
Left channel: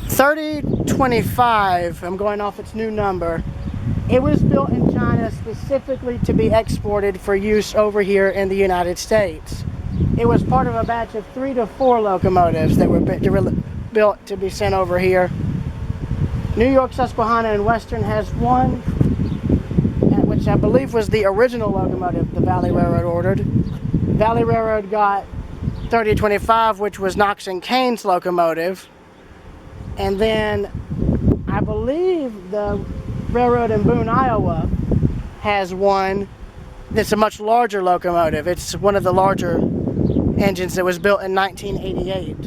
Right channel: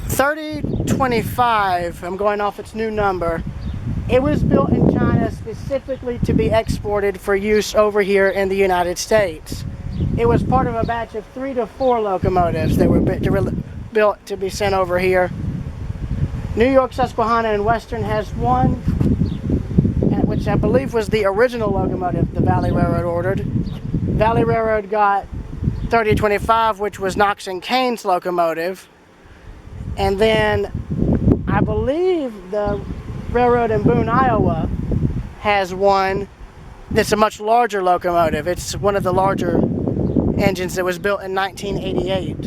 3025, I'm going off its new number. It was built in China specifically to be exported for use over here in the United States. It was part of a batch of 3 to 4 locomotives that were built to be sent over here. New York, Susquehanna, and Western has one, which I believe was the original locomotive the Valley Railroad ordered. Valley Railroad got 3025, which was Knox and Kane's locomotive. And then I believe the railroad in Boone, Iowa has one that's a much larger locomotive. It's one of the larger engines that was built in 1988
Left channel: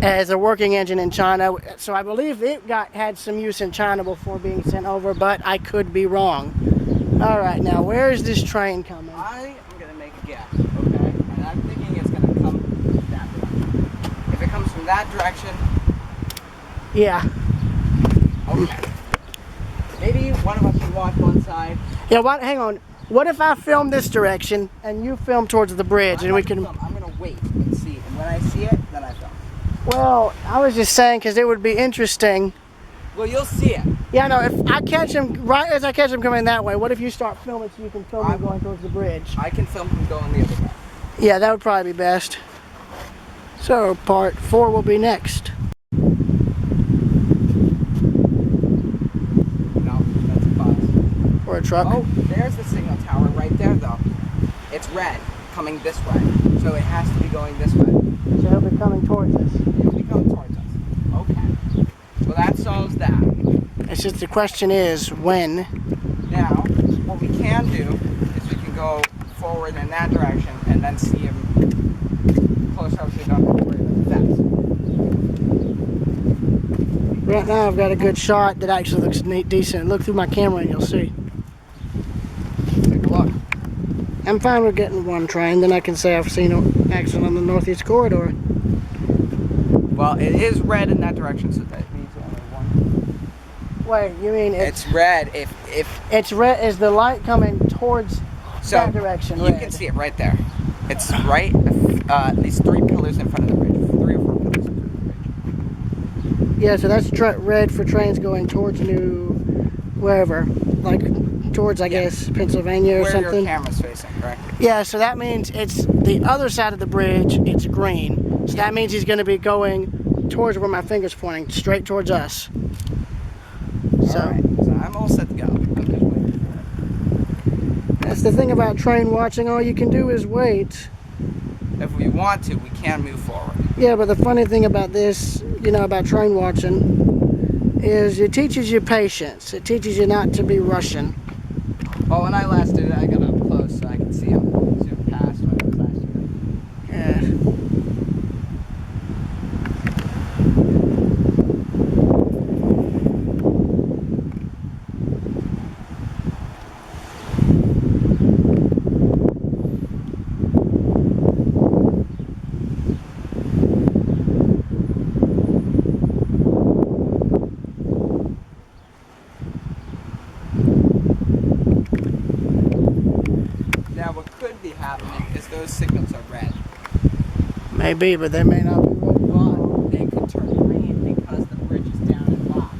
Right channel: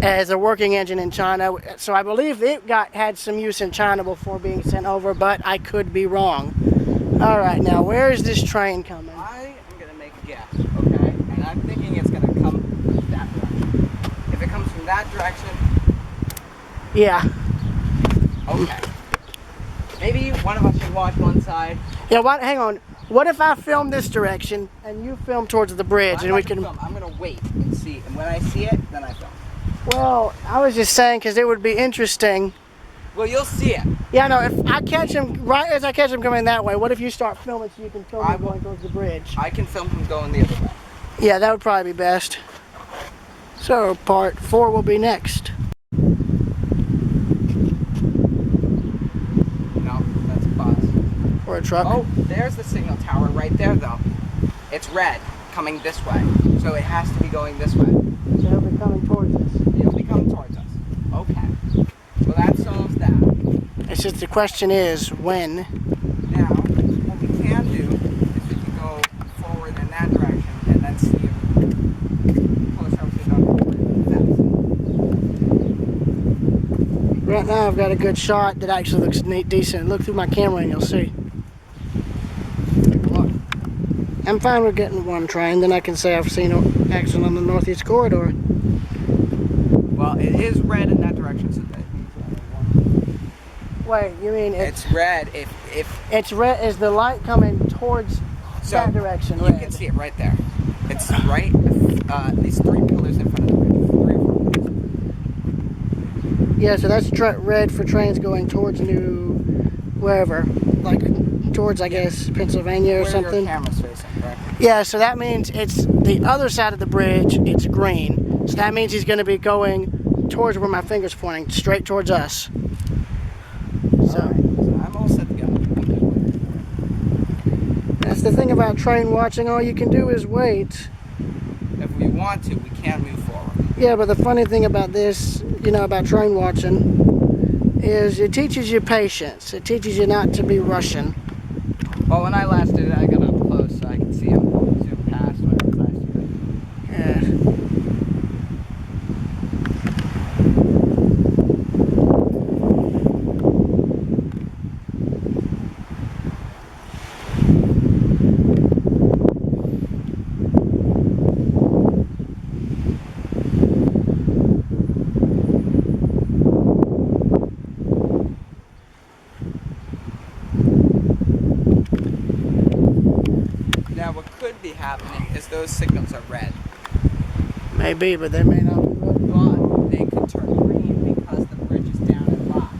as a working engine in China. So I believe it had some use in China before being sent over, but I could be wrong. All right, now where is this train coming? I am going to make a guess, okay? And I'm thinking it's going to come that direction. If it comes from that direction... Yeah. Okay. Maybe one of us can watch one side. Yeah, hang on. What if I film this direction and you film towards the bridge and we can... I'm going to wait and see. And when I see it, then I film. Well, I was just saying because it would be interesting. Well, you'll see it. Yeah, no, if I catch him, right as I catch him coming that way, what if you start filming so you can film him going towards the bridge? I can film him going the other way. Yeah, that would probably be best. So, part 4 will be next. No, that's a bus. Or a truck. Oh, there's the signal tower right there, though. It's red, coming this way. So it has to be going this way. So he'll be coming towards us. He'll be coming towards us. Okay. Well, that solves that. It's just the question is, when? Now, what we can do is we can go forward in that direction and then see him closer, obviously, don't have to worry about the fence. Right now I've got a good shot that actually looks decent. Look through my camera and you'll see. Take a look. I'm fine with getting one train, then I can say I've seen action on the Northeast Corridor. Well, it is red in that direction, so that means only one. Wait, you mean It's red if it's red? Is the light coming towards that direction? You Red? can see it right there. It's right at least 3 pillars in front of the bridge. 3 or 4 pillars in front of the bridge. Yeah, so that's red for trains going towards wherever, like towards I guess Pennsylvania or Where something. your camera's facing, right? Yeah, so that means it's the other side of the bridge. It's green, so that means he's going to be going towards where my finger's pointing, straight towards us. So, Alright, so I'm all set to go. I'm just waiting for it. that's the thing about train watching. All you can do is wait. If we want to, we can move forward. Yeah, but the funny thing about this, about train watching, is it teaches you patience. It teaches you not to be rushing. Well, when I last did it, I got up close so I could see him zoom past when I was last year. Yeah. Now, what could be happening is those signals are red. Maybe, but they may not be red. But they could turn green because the bridge is down and locked.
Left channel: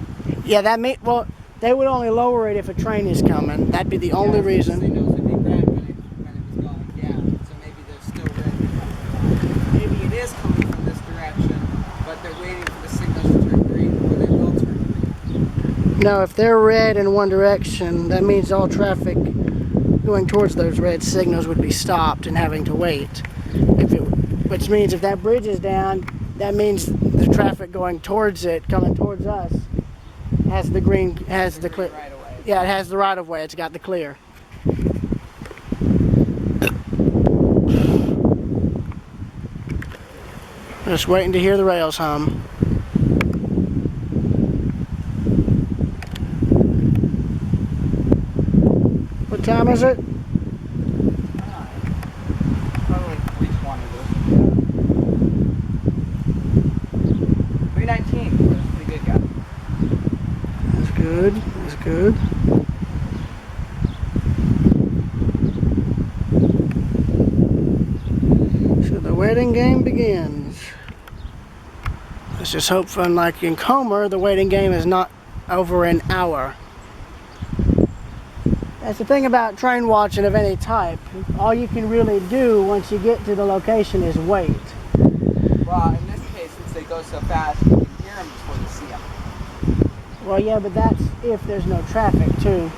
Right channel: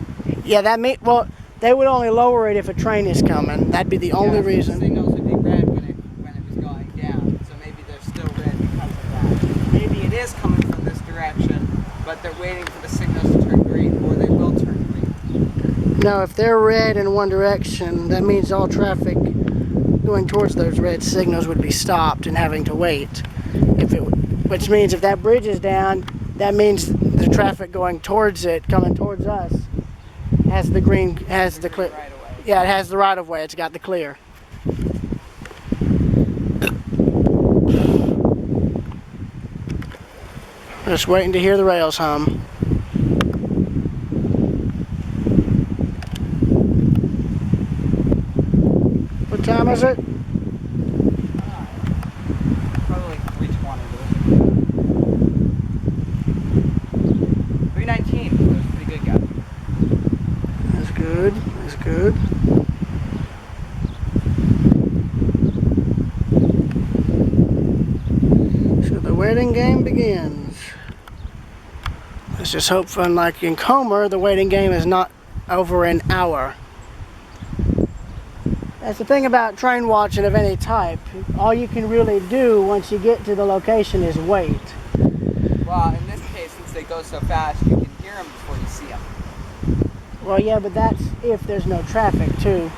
Yeah, well, they would only lower it if a train is coming. That'd be the only So reason. the signals would be red when it was going down. So maybe they're still red because of that. Maybe it is coming from this direction, but they're waiting for the signals to turn green, or they will turn green. No, if they're red in one direction, that means all traffic going towards those red signals would be stopped and having to wait. Which means if that bridge is down, that means the traffic going towards it, coming towards us, has the clear. Right away. Yeah, it has the right of way. It's got the clear. Just waiting to hear the rails hum. What time is it? Probably like 3:20. Yeah. 3:19. So it's pretty good, guy. That's good. That's good. So the waiting game begins. Let's just hope, unlike in Comer, the waiting game is not over an hour. That's the thing about train watching of any type. All you can really do once you get to the location is wait. Well, in this case, since they go so fast, you can hear them before you see them. Well, yeah, but that's if there's no traffic, too.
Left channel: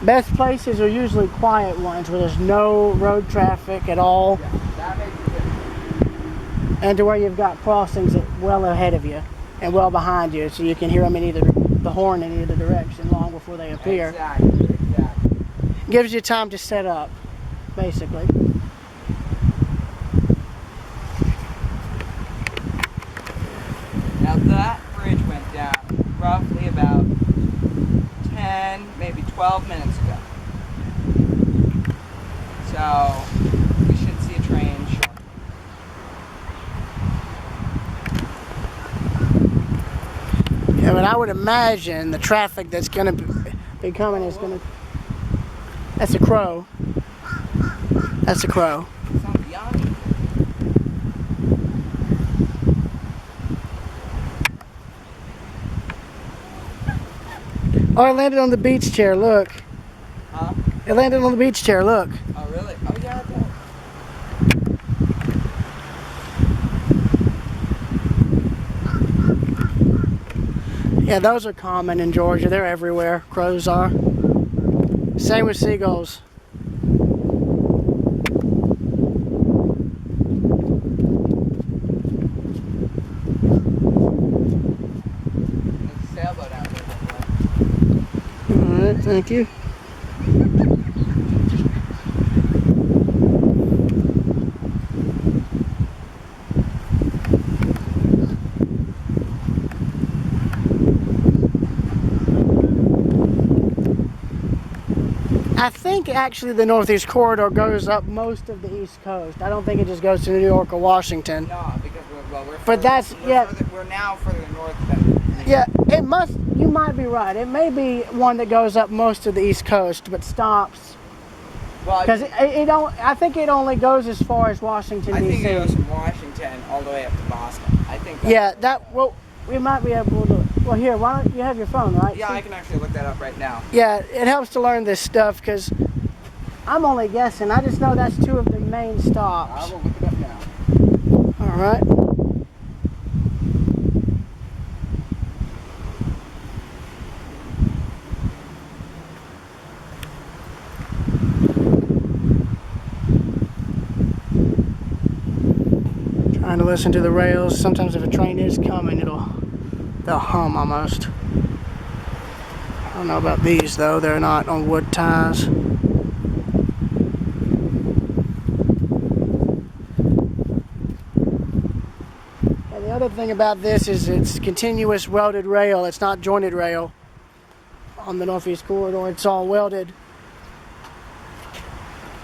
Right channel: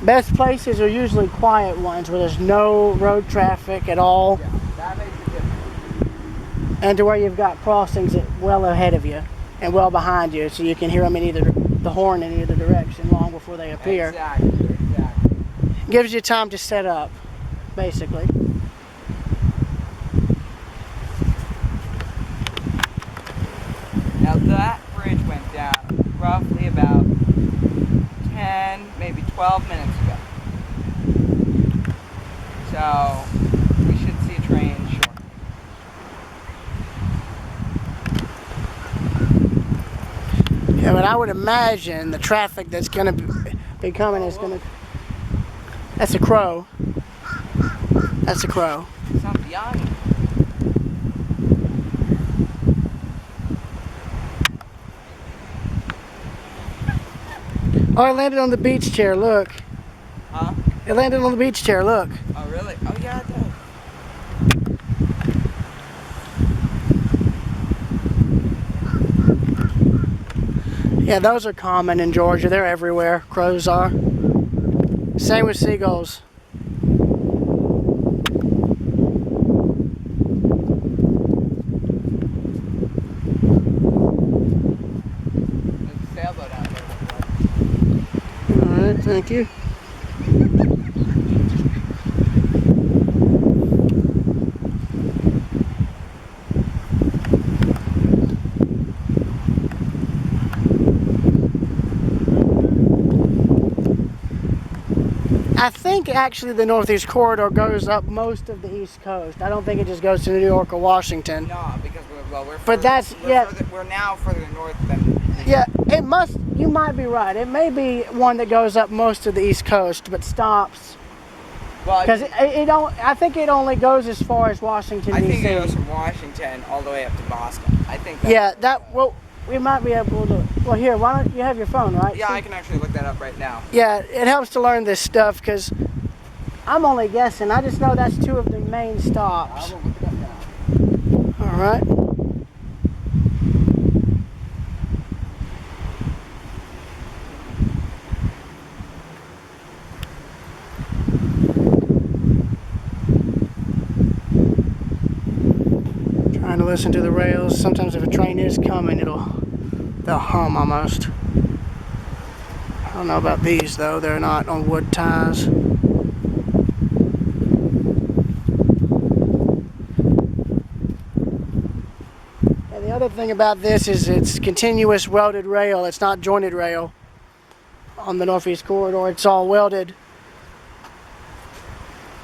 Best places are usually quiet ones where there's no road traffic at all. Yeah, that makes a difference. And to where you've got crossings well ahead of you and well behind you, so you can hear them in the horn in either direction long before they appear. Exactly. Gives you time to set up, basically. Now that bridge went down roughly about 10, maybe 12 minutes ago. So we should see a train shortly. Yeah, but I would imagine the traffic that's going to be coming is going to... That's a crow. That's a crow. Sounds young. Oh, it landed on the beach chair, look. Huh? It landed on the beach chair, look. Oh, really? Oh, yeah, it does. Yeah, those are common in Georgia. They're everywhere. Crows are. Same with seagulls. There's a sailboat out there. Alright, thank you. I think actually the Northeast Corridor goes up most of the East Coast. I don't think it just goes to New York or Washington. No, because we're But that's we're now further north than. Yeah, it must. You might be right. It may be one that goes up most of the East Coast, but stops. Well, Because it don't. I think it only goes as far as Washington D.C. I think it goes from Washington all the way up to Boston. I think. That's Yeah, that. Well, we might be able to. Well, here, why don't you have your phone, right? Yeah, See? I can actually look that up right now. Yeah, it helps to learn this stuff because I'm only guessing. I just know that's two of the main stops. I will look it up now. All right. Trying to listen to the rails. Sometimes if a train is coming, they'll hum almost. I don't know about these though. They're not on wood ties. And the other thing about this is it's continuous welded rail. It's not jointed rail on the Northeast Corridor. It's all welded.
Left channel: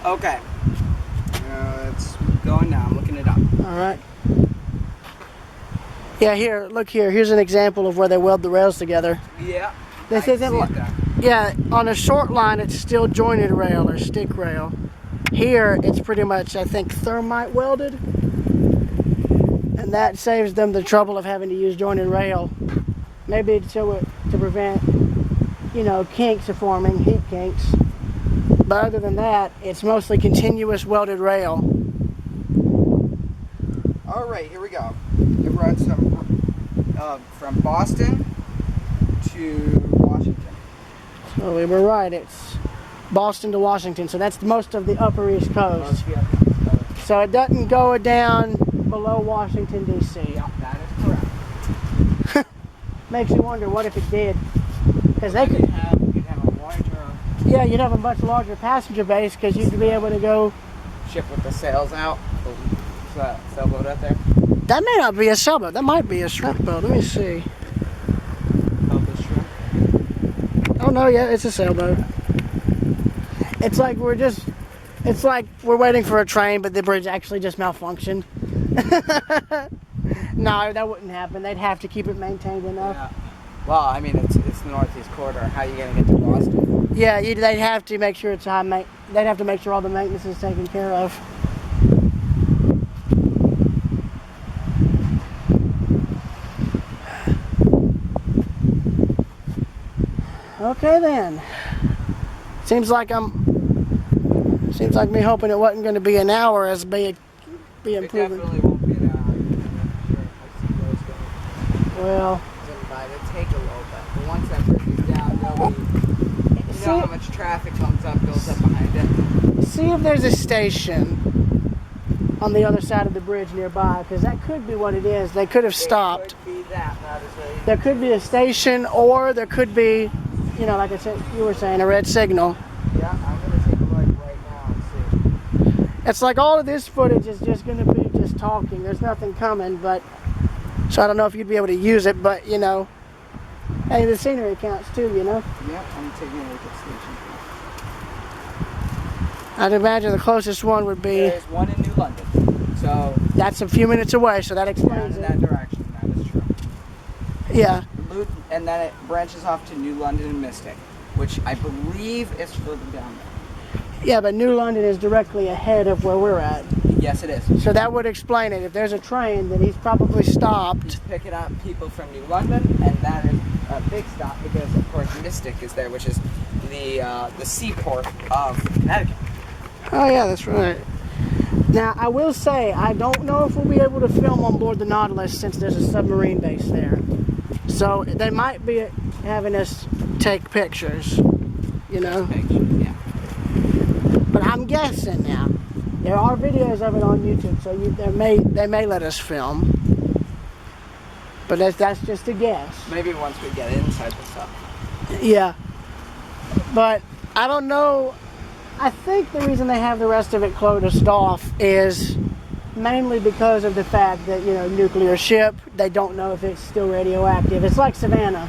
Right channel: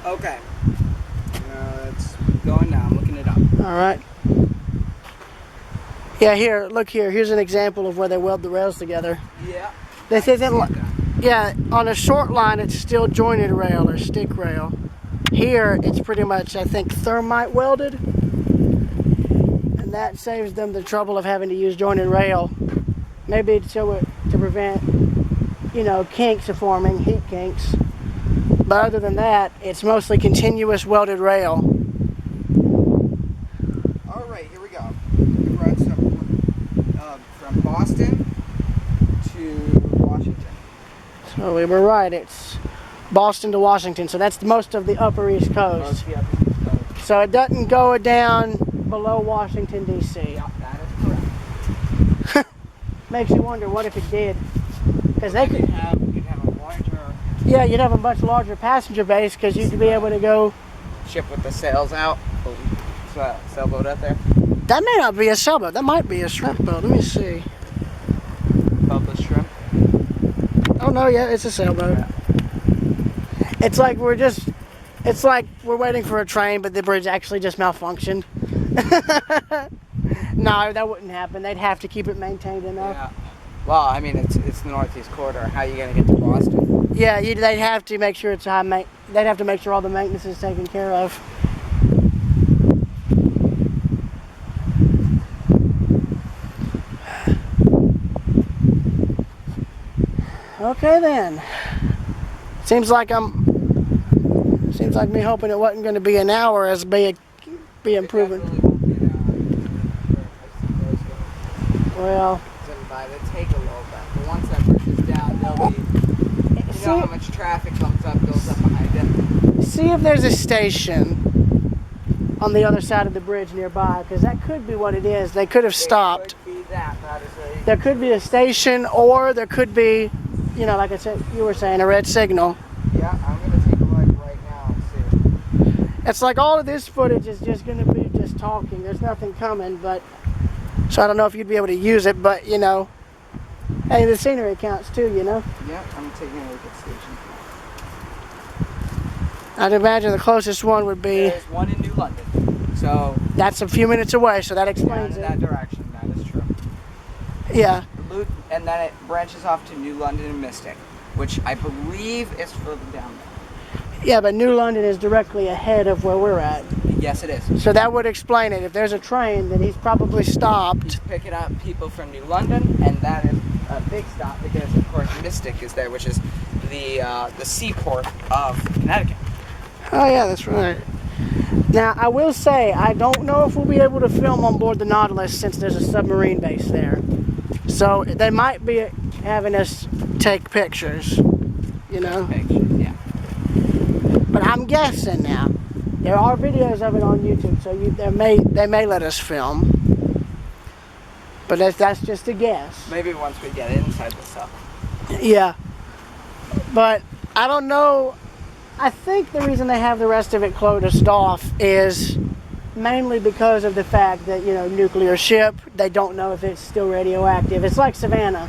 Okay. It's going now. I'm looking it up. All right. Yeah, here, look here. Here's an example of where they weld the rails together. Yeah. This isn't like, yeah, on a short line it's still jointed rail or stick rail. Here it's pretty much, I think, thermite welded. And that saves them the trouble of having to use jointed rail. Maybe to prevent, you know, kinks of forming, heat kinks. But other than that, it's mostly continuous welded rail. All right, here we go. It runs from Boston to Washington. So we were right. It's Boston to Washington. So that's most of the upper East Coast. So it doesn't go down below Washington, D.C. Yeah, that is correct. Makes you wonder what if it did. Because they could. You'd have a larger Yeah, you'd have a much larger passenger base because you'd be able to go. ship with the sails out. Sailboat out there. That may not be a sailboat. That might be a shrimp boat. Let me see. Bubba shrimp. Oh no, yeah, it's a sailboat. It's like it's like we're waiting for a train, but the bridge actually just malfunctioned. No, that wouldn't happen. They'd have to keep it maintained enough. Yeah. Well, I mean, it's the Northeast Corridor. How are you going to get to Boston? Yeah, they'd have to make sure it's they'd have to make sure all the maintenance is taken care of. Okay then. Seems like me hoping it wasn't going to be an hour as being proven. It definitely won't be an hour. Sure, I've seen those go. Well, They take a little bit, but once that bridge is down, they'll be. You know how much traffic builds up behind it. See if there's a station on the other side of the bridge nearby, because that could be what it is. They could have stopped. It could be that is a... There could be a station, or there could be, you know, like I said, you were saying, a red signal. Yeah, I'm going to take a look right now and see. It's like all of this footage is just going to be just talking. There's nothing coming, but so I don't know if you'd be able to use it, but you know, hey, the scenery counts too, you know. Yeah, I'm taking a look at station. I'd imagine the closest one would be. There's one in New London, so that's a few minutes away, so that explains in it. that direction. That is true. Yeah. And then it branches off to New London and Mystic, which I believe is further down there. Yeah, but New London is directly ahead of where we're at. Yes, it is. So that would explain it. If there's a train, then he's probably stopped. He's picking up people from New London, and that is a big stop because, of course, Mystic is there, which is the seaport of Connecticut. Oh yeah, that's right. Now I will say I don't know if we'll be able to film on board the Nautilus since there's a submarine base there. So they might be having us take pictures, you know. Pictures, yeah. But I'm guessing now. There are videos of it on YouTube, so they may let us film. But that's just a guess. Maybe once we get inside the stuff. Yeah. But I don't know. I think the reason they have the rest of it closed off is mainly because of the fact that, you know, nuclear ship, they don't know if it's still radioactive. It's like Savannah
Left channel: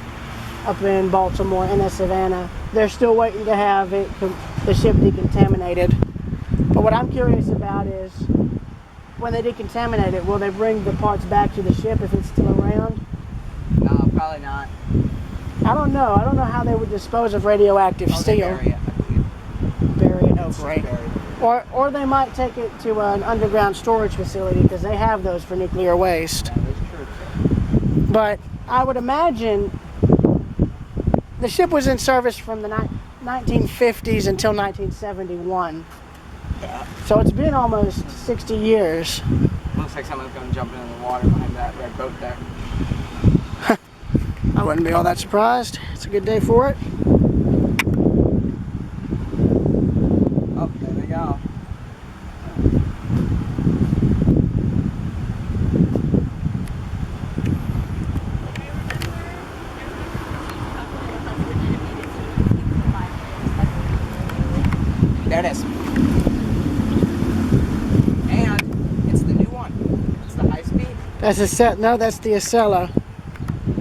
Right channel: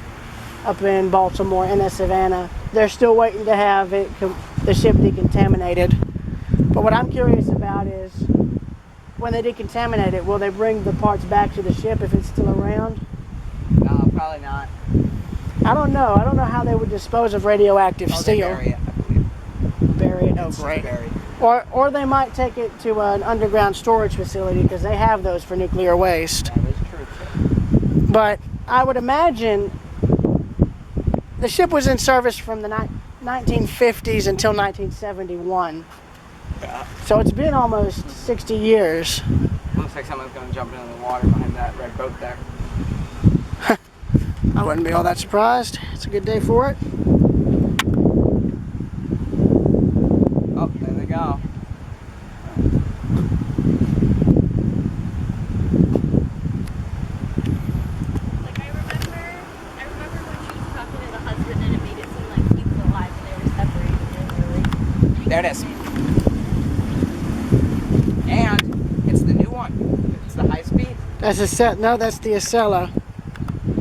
up in Baltimore, NS Savannah. They're still waiting to have it the ship decontaminated. But what I'm curious about is, when they decontaminate it, will they bring the parts back to the ship if it's still around? No, probably not. I don't know. I don't know how they would dispose of radioactive Oh, they steel. bury it, I believe. Bury it? Oh, It's just great. buried. Or they might take it to an underground storage facility because they have those for nuclear waste. That is true, too. But I would imagine the ship was in service from the 1950s until 1971. Yeah. So it's been almost 60 years. Looks like someone's going to jump into the water behind that red boat there. I wouldn't be all that surprised. It's a good day for it. Oh, there they go. Like I remember when you talking to the husband and it made it seem like he was alive and they were separated. There it is. And it's the new one. It's the high speed. That's a set. No, that's the Acela.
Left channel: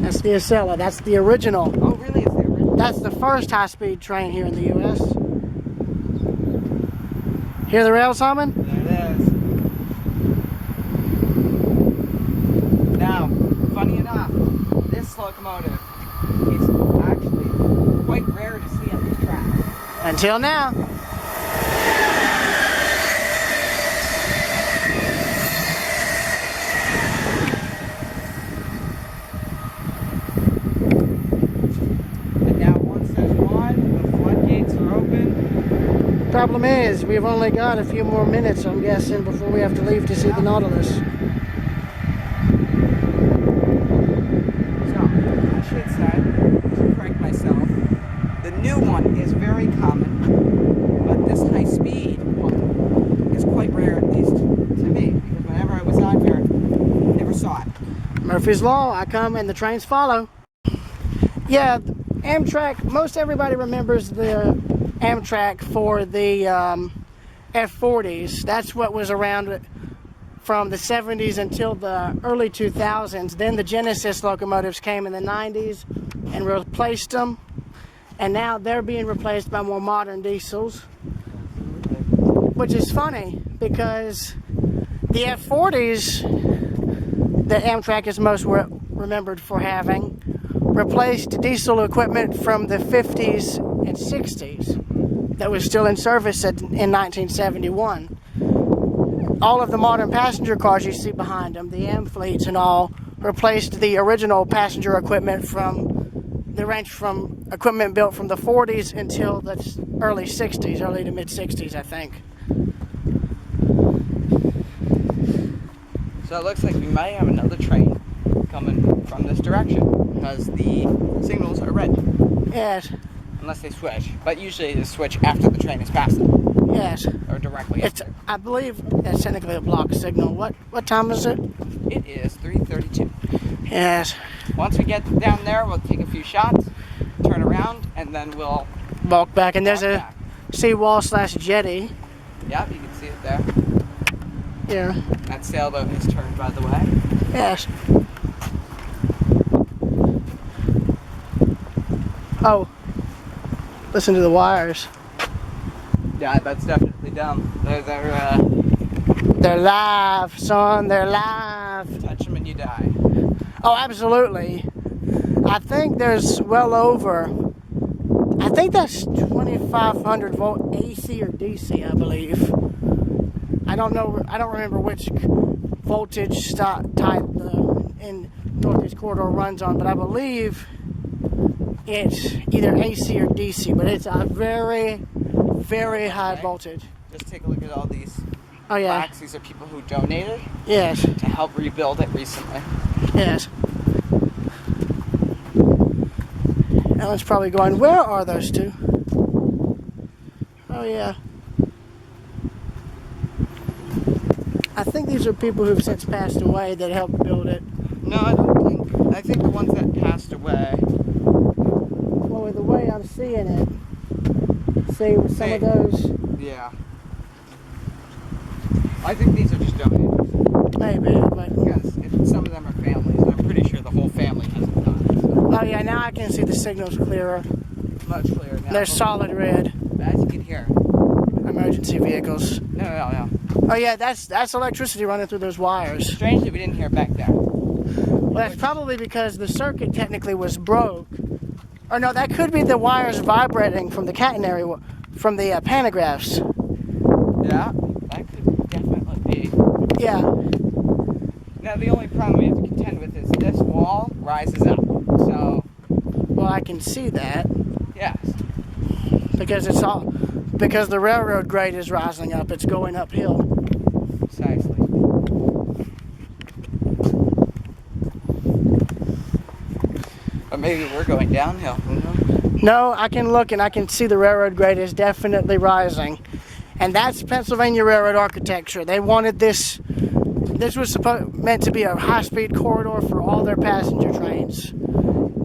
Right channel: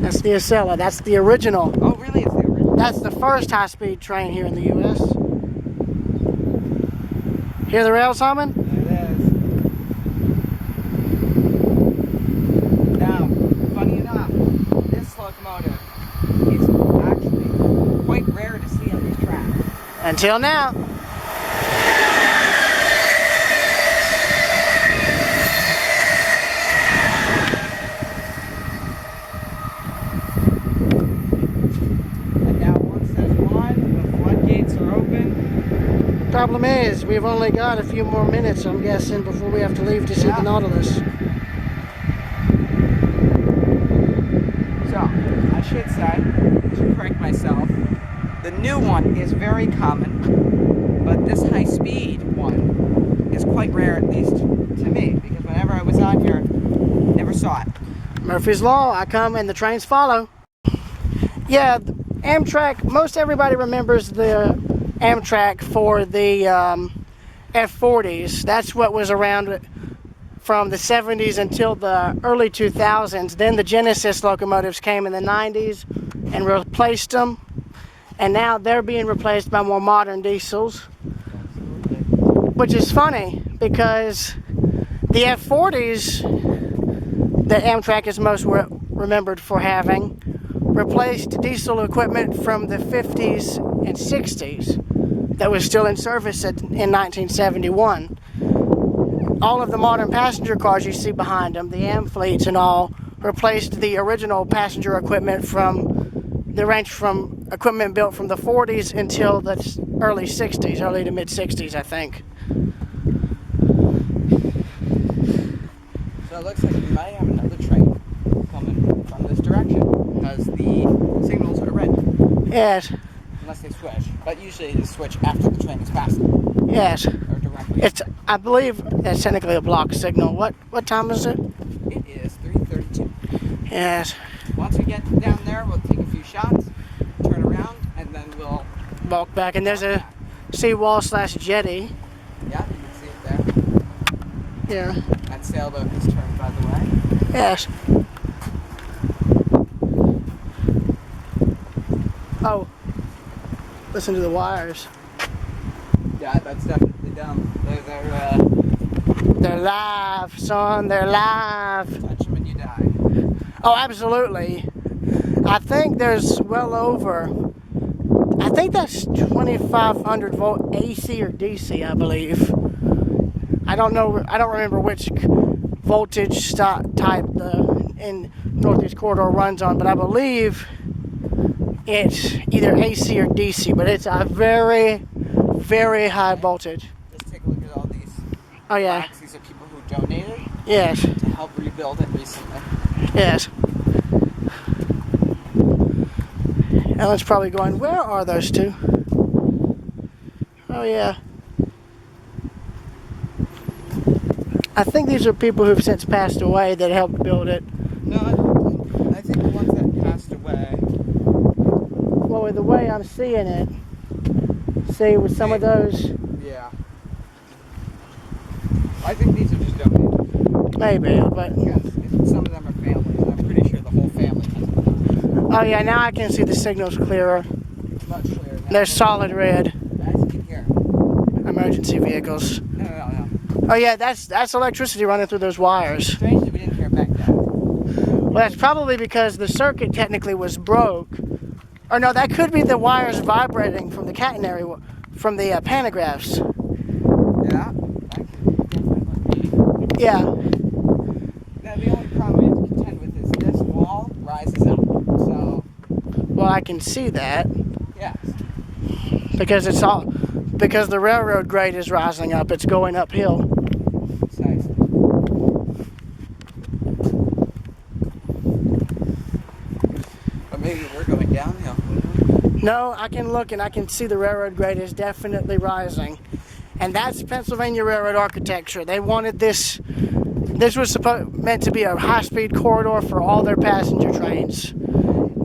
That's the Acela. That's the original. Oh, really? It's the original? That's the first high-speed train here in the U.S. Hear the rails humming? There it is. Now, funny enough, this locomotive is actually quite rare to see on these tracks. Until now. And now once there's one, the floodgates are open. Problem is, we've only got a few more minutes, I'm guessing, before we have to leave to see the Nautilus. So, I should say, to correct myself, the new one is very common, but this high-speed one is quite rare, at least to me, because whenever I was on here, I never saw it. Murphy's Law, I come and the trains follow. Yeah, Amtrak, most everybody remembers the Amtrak for the F40s. That's what was around from the 70s until the early 2000s. Then the Genesis locomotives came in the 90s and replaced them. And now they're being replaced by more modern diesels. Which is funny because the F40s that Amtrak is most remembered for having replaced diesel equipment from the 50s and 60s that was still in service in 1971. All of the modern passenger cars you see behind them, the Am fleets and all, replaced the original passenger equipment from the range from equipment built from the 40s until the early 60s, early to mid 60s, I think. So it looks like we might have another train coming from this direction, because the signals are red, Yes, unless they switch. But usually they switch after the train is passing, yes. or directly It's, after. I believe that's technically a block signal. What time is it? It is 3:32. Yes, Once we get down there, we'll take a few shots, turn around, and then we'll walk back. And there's walk a back. seawall slash jetty. Yeah, you can see it there. Yeah, That sailboat has turned, by the way. yes. Oh, listen to the wires. Yeah, that's definitely dumb. They're live, son. They're live. Touch them and you die. Oh, absolutely. I think there's well over, I think that's 2,500 volt AC or DC, I believe. I don't know, I don't remember which voltage type the in Northeast Corridor runs on, but I believe it's either AC or DC, but it's a very, very high voltage. Just take a look at all these Oh yeah, plaques. These are people who donated yes, to help rebuild it recently. yes. Ellen's probably going, where are those two? Oh yeah. I think these are people who've since passed away that helped build it. No, I don't think. I think the ones that passed away. Well, with the way I'm seeing it, see with some of those, Yeah. I think these are just donators. maybe, but Because some of them are families, and I'm pretty sure the whole family hasn't died. So oh yeah, now I can see the signals clearer. much clearer now. They're solid red. As you can hear. Emergency vehicles. No. Oh yeah, that's electricity running through those wires. Strangely, we didn't hear back then. Well, that's probably because the circuit technically was broke. Or no, that could be the wires vibrating from the catenary, from the pantographs. Yeah, that could definitely be. Yeah. Now, the only problem we have to contend with is this wall rises up. So, Well, I can see that yes. because because the railroad grade is rising up. It's going uphill. Precisely. But maybe we're going downhill. Who knows? No, I can look and I can see the railroad grade is definitely rising. And that's Pennsylvania Railroad architecture. They wanted this. This was meant to be a high-speed corridor for all their passenger trains.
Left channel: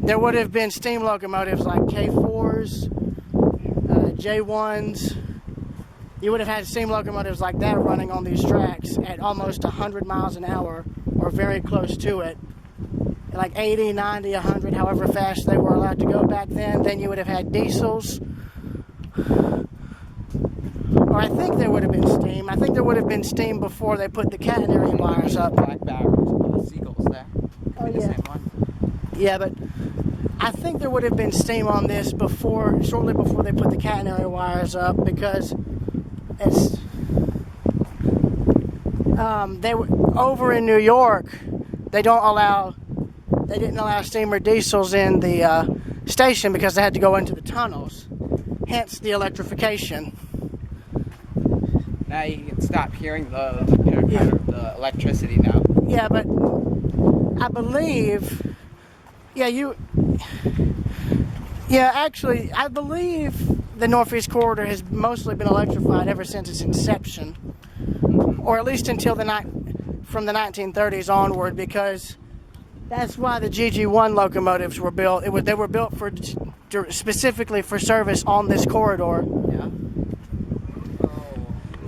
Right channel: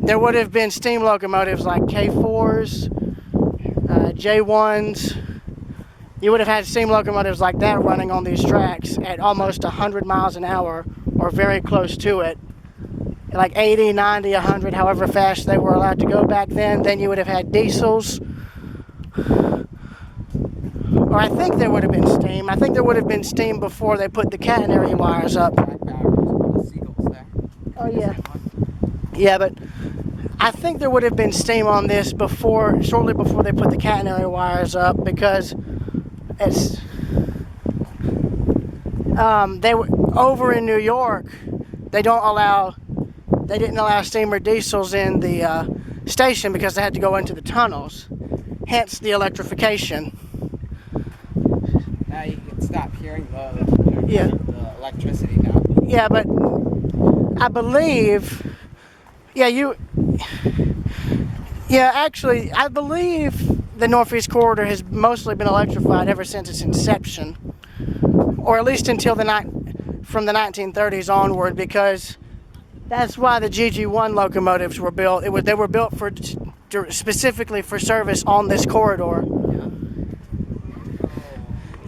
There would have been steam locomotives like K4s, J1s. You would have had steam locomotives like that running on these tracks at almost 100 miles an hour or very close to it. Like 80, 90, 100, however fast they were allowed to go back then. Then you would have had diesels. Or I think there would have been steam. I think there would have been steam before they put the catenary wires up. Black barrels, the seagulls there. Oh, The yeah. same one. Yeah, but I think there would have been steam on this shortly before they put the catenary wires up, because it's they were over in New York. They didn't allow steam or diesels in the station because they had to go into the tunnels. Hence the electrification. Now you can stop hearing the electricity now. Yeah, but I believe, actually, I believe the Northeast Corridor has mostly been electrified ever since its inception, or at least until from the 1930s onward, because that's why the GG1 locomotives were built. They were built specifically for service on this corridor. Yeah.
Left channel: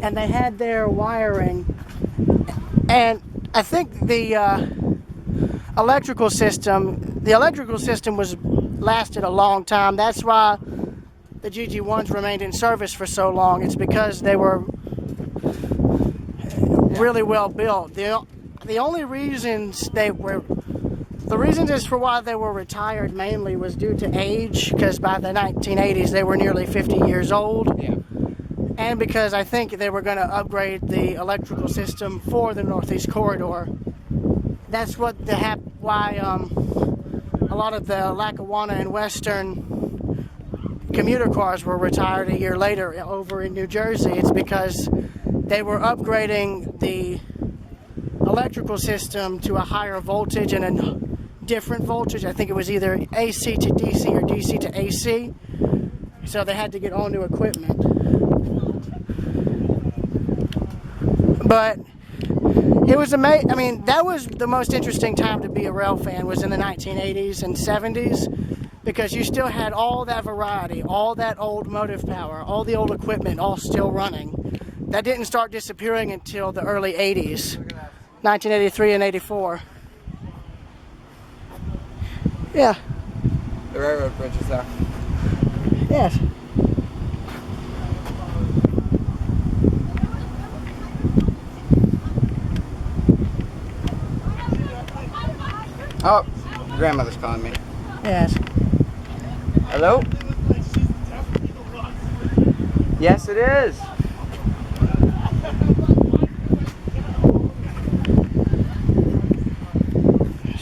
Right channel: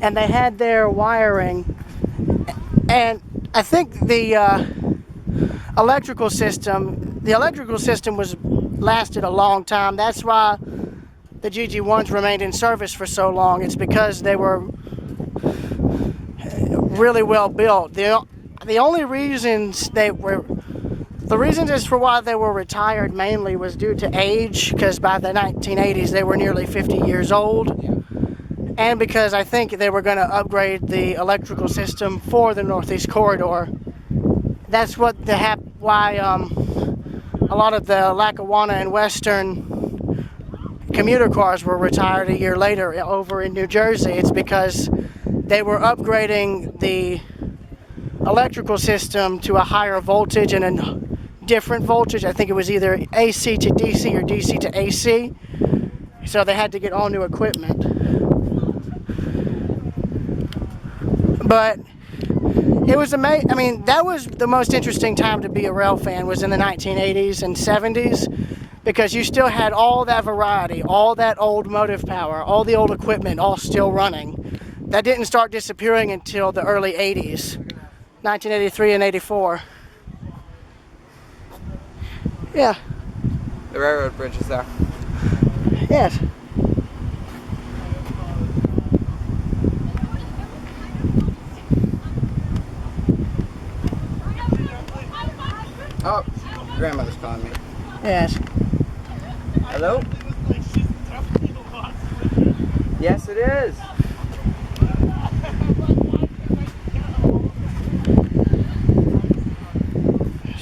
And they had their wiring, and I think the electrical system lasted a long time. That's why the GG1s remained in service for so long. It's because they were really well built. The reasons as for why they were retired mainly was due to age, because by the 1980s they were nearly 50 years old. Yeah. And because I think they were going to upgrade the electrical system for the Northeast Corridor. That's why a lot of the Lackawanna and Western commuter cars were retired a year later over in New Jersey. It's because they were upgrading the electrical system to a higher voltage and a different voltage. I think it was either AC to DC or DC to AC. So they had to get all new equipment. But it was amazing. I mean, that was the most interesting time to be a rail fan, was in the 1980s and 70s, because you still had all that variety, all that old motive power, all the old equipment, all still running. That didn't start disappearing until the early 80s, 1983 and 84. Yeah. The railroad bridge is there. Yes. Oh, grandmother's calling me. Yes. Hello? Yes, it is.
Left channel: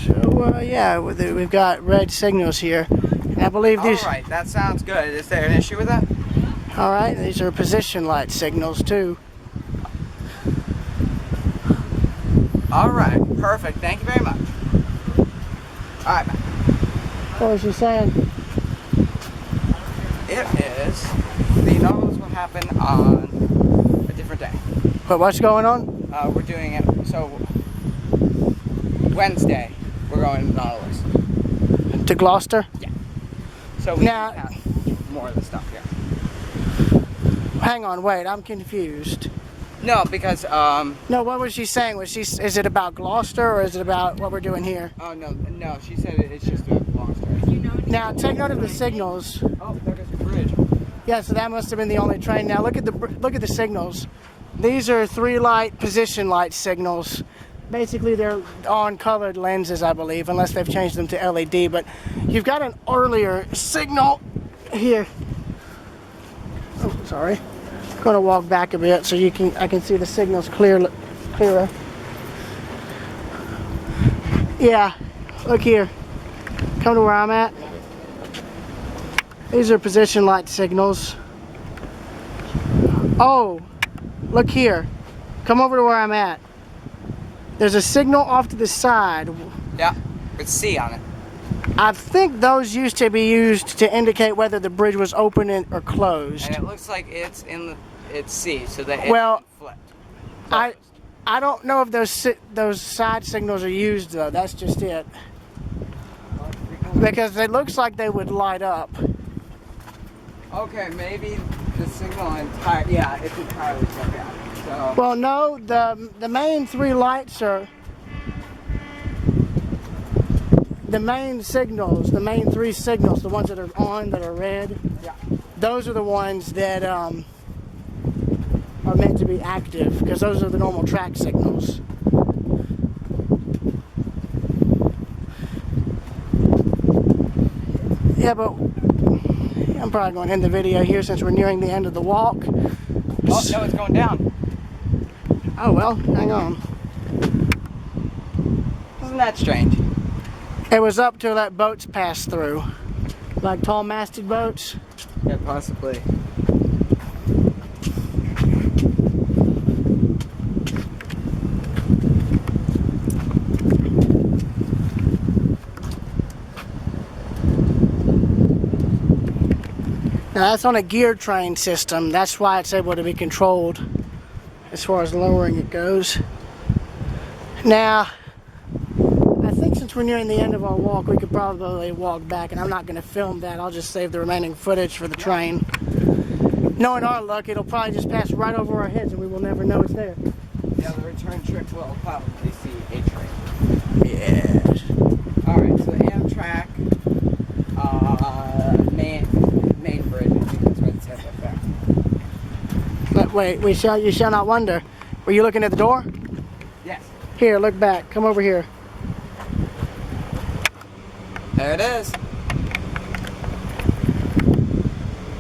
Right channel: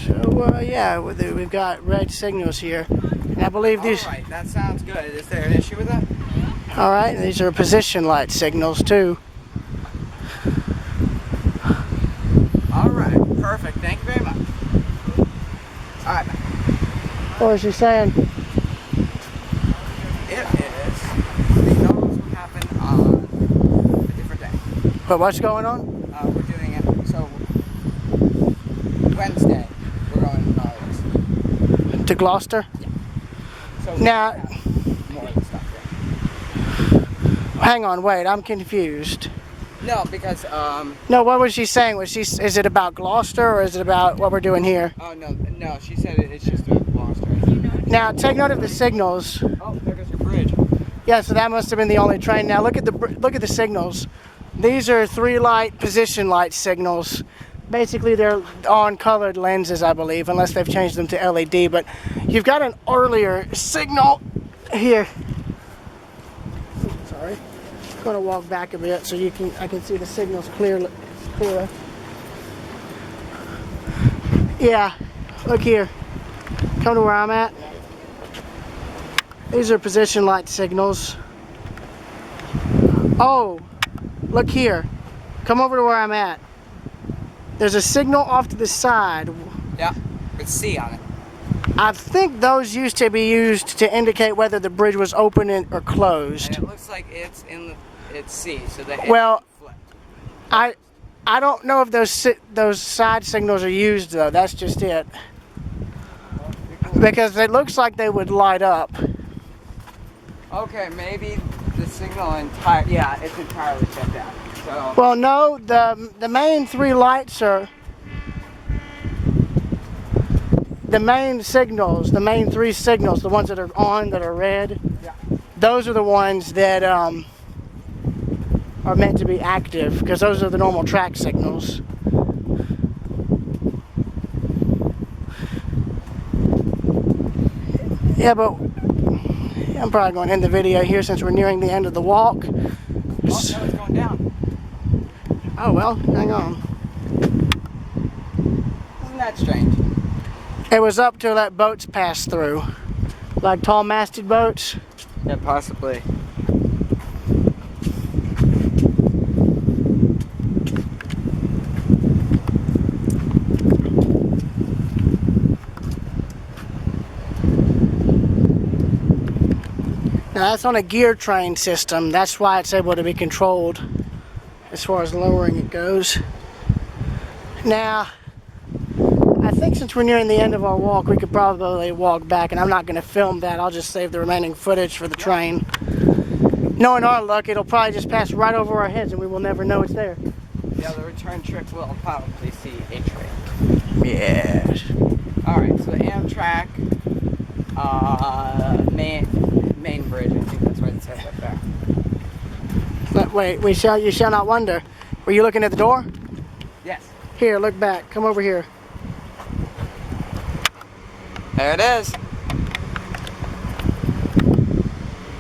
So, yeah, we've got red signals here. And I believe these... All right, that sounds good. Is there an issue with that? All right, these are position light signals, too. All right, perfect. Thank you very much. All right. What was she saying? It is. The inaugurals will happen on a different day. But what's going on? We're doing it, so Wednesday, we're going to Nautilus. To Gloucester? Yeah. So we Now- have more of the stuff here. Hang on, wait, I'm confused. No, because, No, what was she saying? Is it about Gloucester, or is it about what we're doing here? oh, no, she said it's just about Gloucester. Now, take note of the signals. Oh, there goes your bridge. Yeah, so that must have been the only train. Now look at the signals. These are 3-light position light signals. Basically, they're on colored lenses, I believe, unless they've changed them to LED. But you've got an earlier signal here. Oh, sorry. I'm gonna walk back a bit so I can see the signals clearer. Yeah, look here. Come to where I'm at. These are position light signals. Oh, look here. Come over to where I'm at. There's a signal off to the side. Yeah, with C on it. I think those used to be used to indicate whether the bridge was open or closed. And it looks like it's C, so that Well, it's flipped. I don't know if those side signals are used though. That's just it. Because it looks like they would light up. Okay, maybe the signal yeah, it's entirely shut down. So Well, no, the main 3 lights are the main signals, the main 3 signals, the ones that are on that are red. yeah. Those are the ones that are meant to be active because those are the normal track signals. Yeah, but I'm probably going to end the video here since we're nearing the end of the walk. Oh no, it's going down. Oh well, hang on. Isn't that strange? It was up till that boats passed through. Like tall masted boats. Yeah, possibly. Now that's on a gear train system. That's why it's able to be controlled as far as lowering it goes. Now, I think since we're nearing the end of our walk, we could probably walk back, and I'm not going to film that. I'll just save the remaining footage for the train. Knowing our luck, it'll probably just pass right over our heads, and we will never know it's there. Yeah, the return trip will probably see a train. Yes. Alright, so Amtrak, main bridge, I think that's what it says up there. But wait, you shall not wonder. Were you looking at the door? Yes. Here, look back. Come over here. There it is.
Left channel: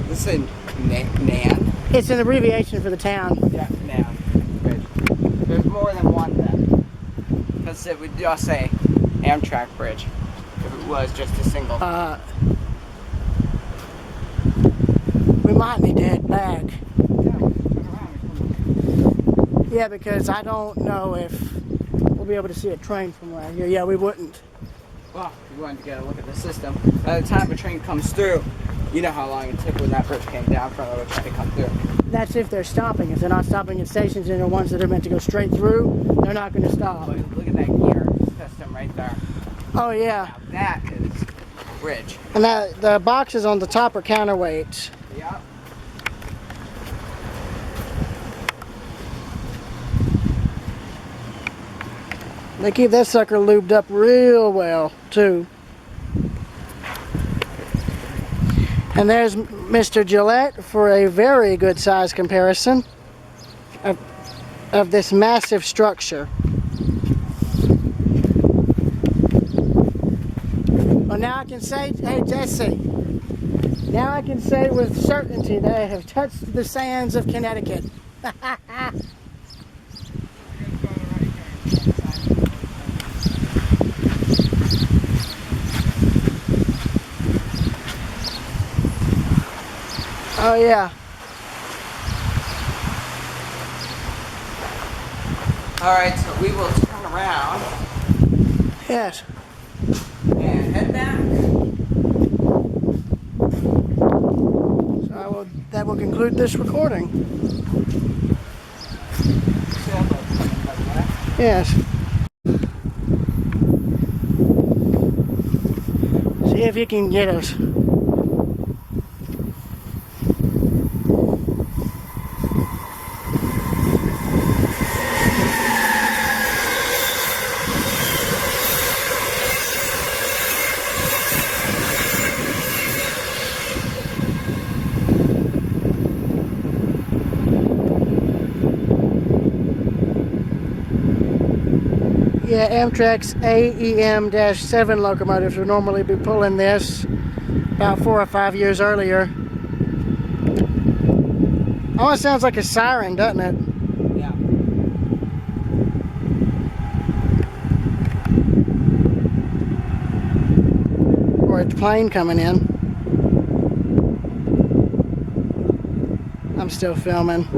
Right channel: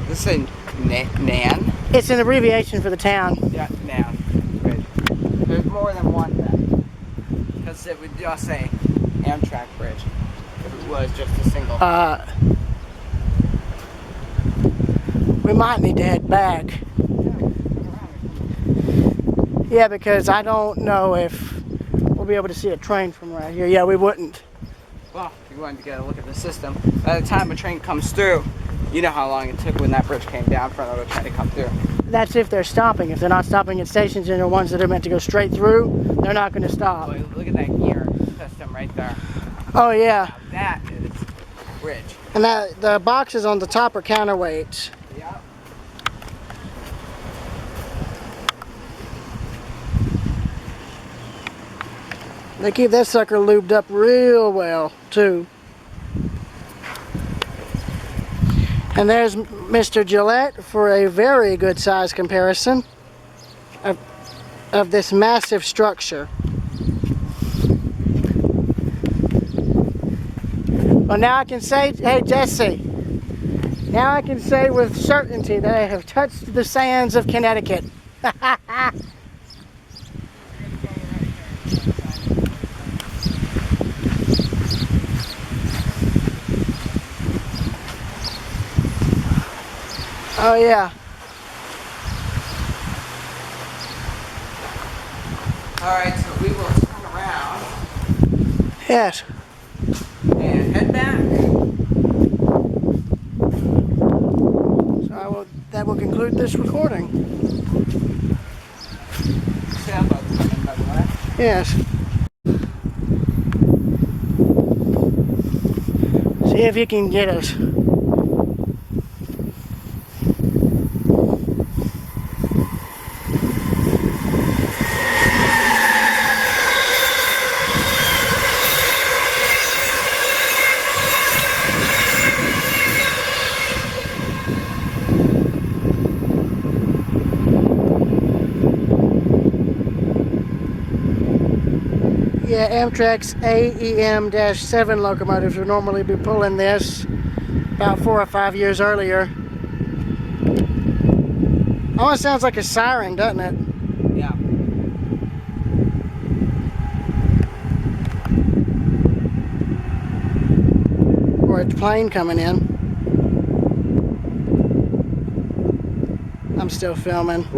This is Nan? It's an abbreviation for the town. Yeah, Nan Bridge. There's more than one then. Because it would just say Amtrak Bridge if it was just a single. We might need to head back. Yeah, we'll turn around and come. Yeah, because I don't know if we'll be able to see a train from right here. Yeah, we wouldn't. Well, if you wanted to get a look at the system, by the time a train comes through, you know how long it took when that bridge came down for another train to come through. That's if they're stopping. If they're not stopping at stations and they're ones that are meant to go straight through, they're not going to stop. Look, look at that gear system right there. Oh, yeah. Now that is bridge. And the boxes on the top are counterweights. Yep. They keep that sucker lubed up real well, too. And there's Mr. Gillette for a very good size comparison of this massive structure. Well, now I can say, hey Jesse, now I can say with certainty that I have touched the sands of Connecticut. Oh yeah. Alright, so we will turn around Yes. and head back. So that will conclude this recording. Sailboat coming, by the way. Yes. See if you can get us. Yeah, Amtrak's AEM-7 locomotives would normally be pulling this about 4 or 5 years earlier. Almost sounds like a siren, doesn't it? Yeah. Or a plane coming in. I'm still filming.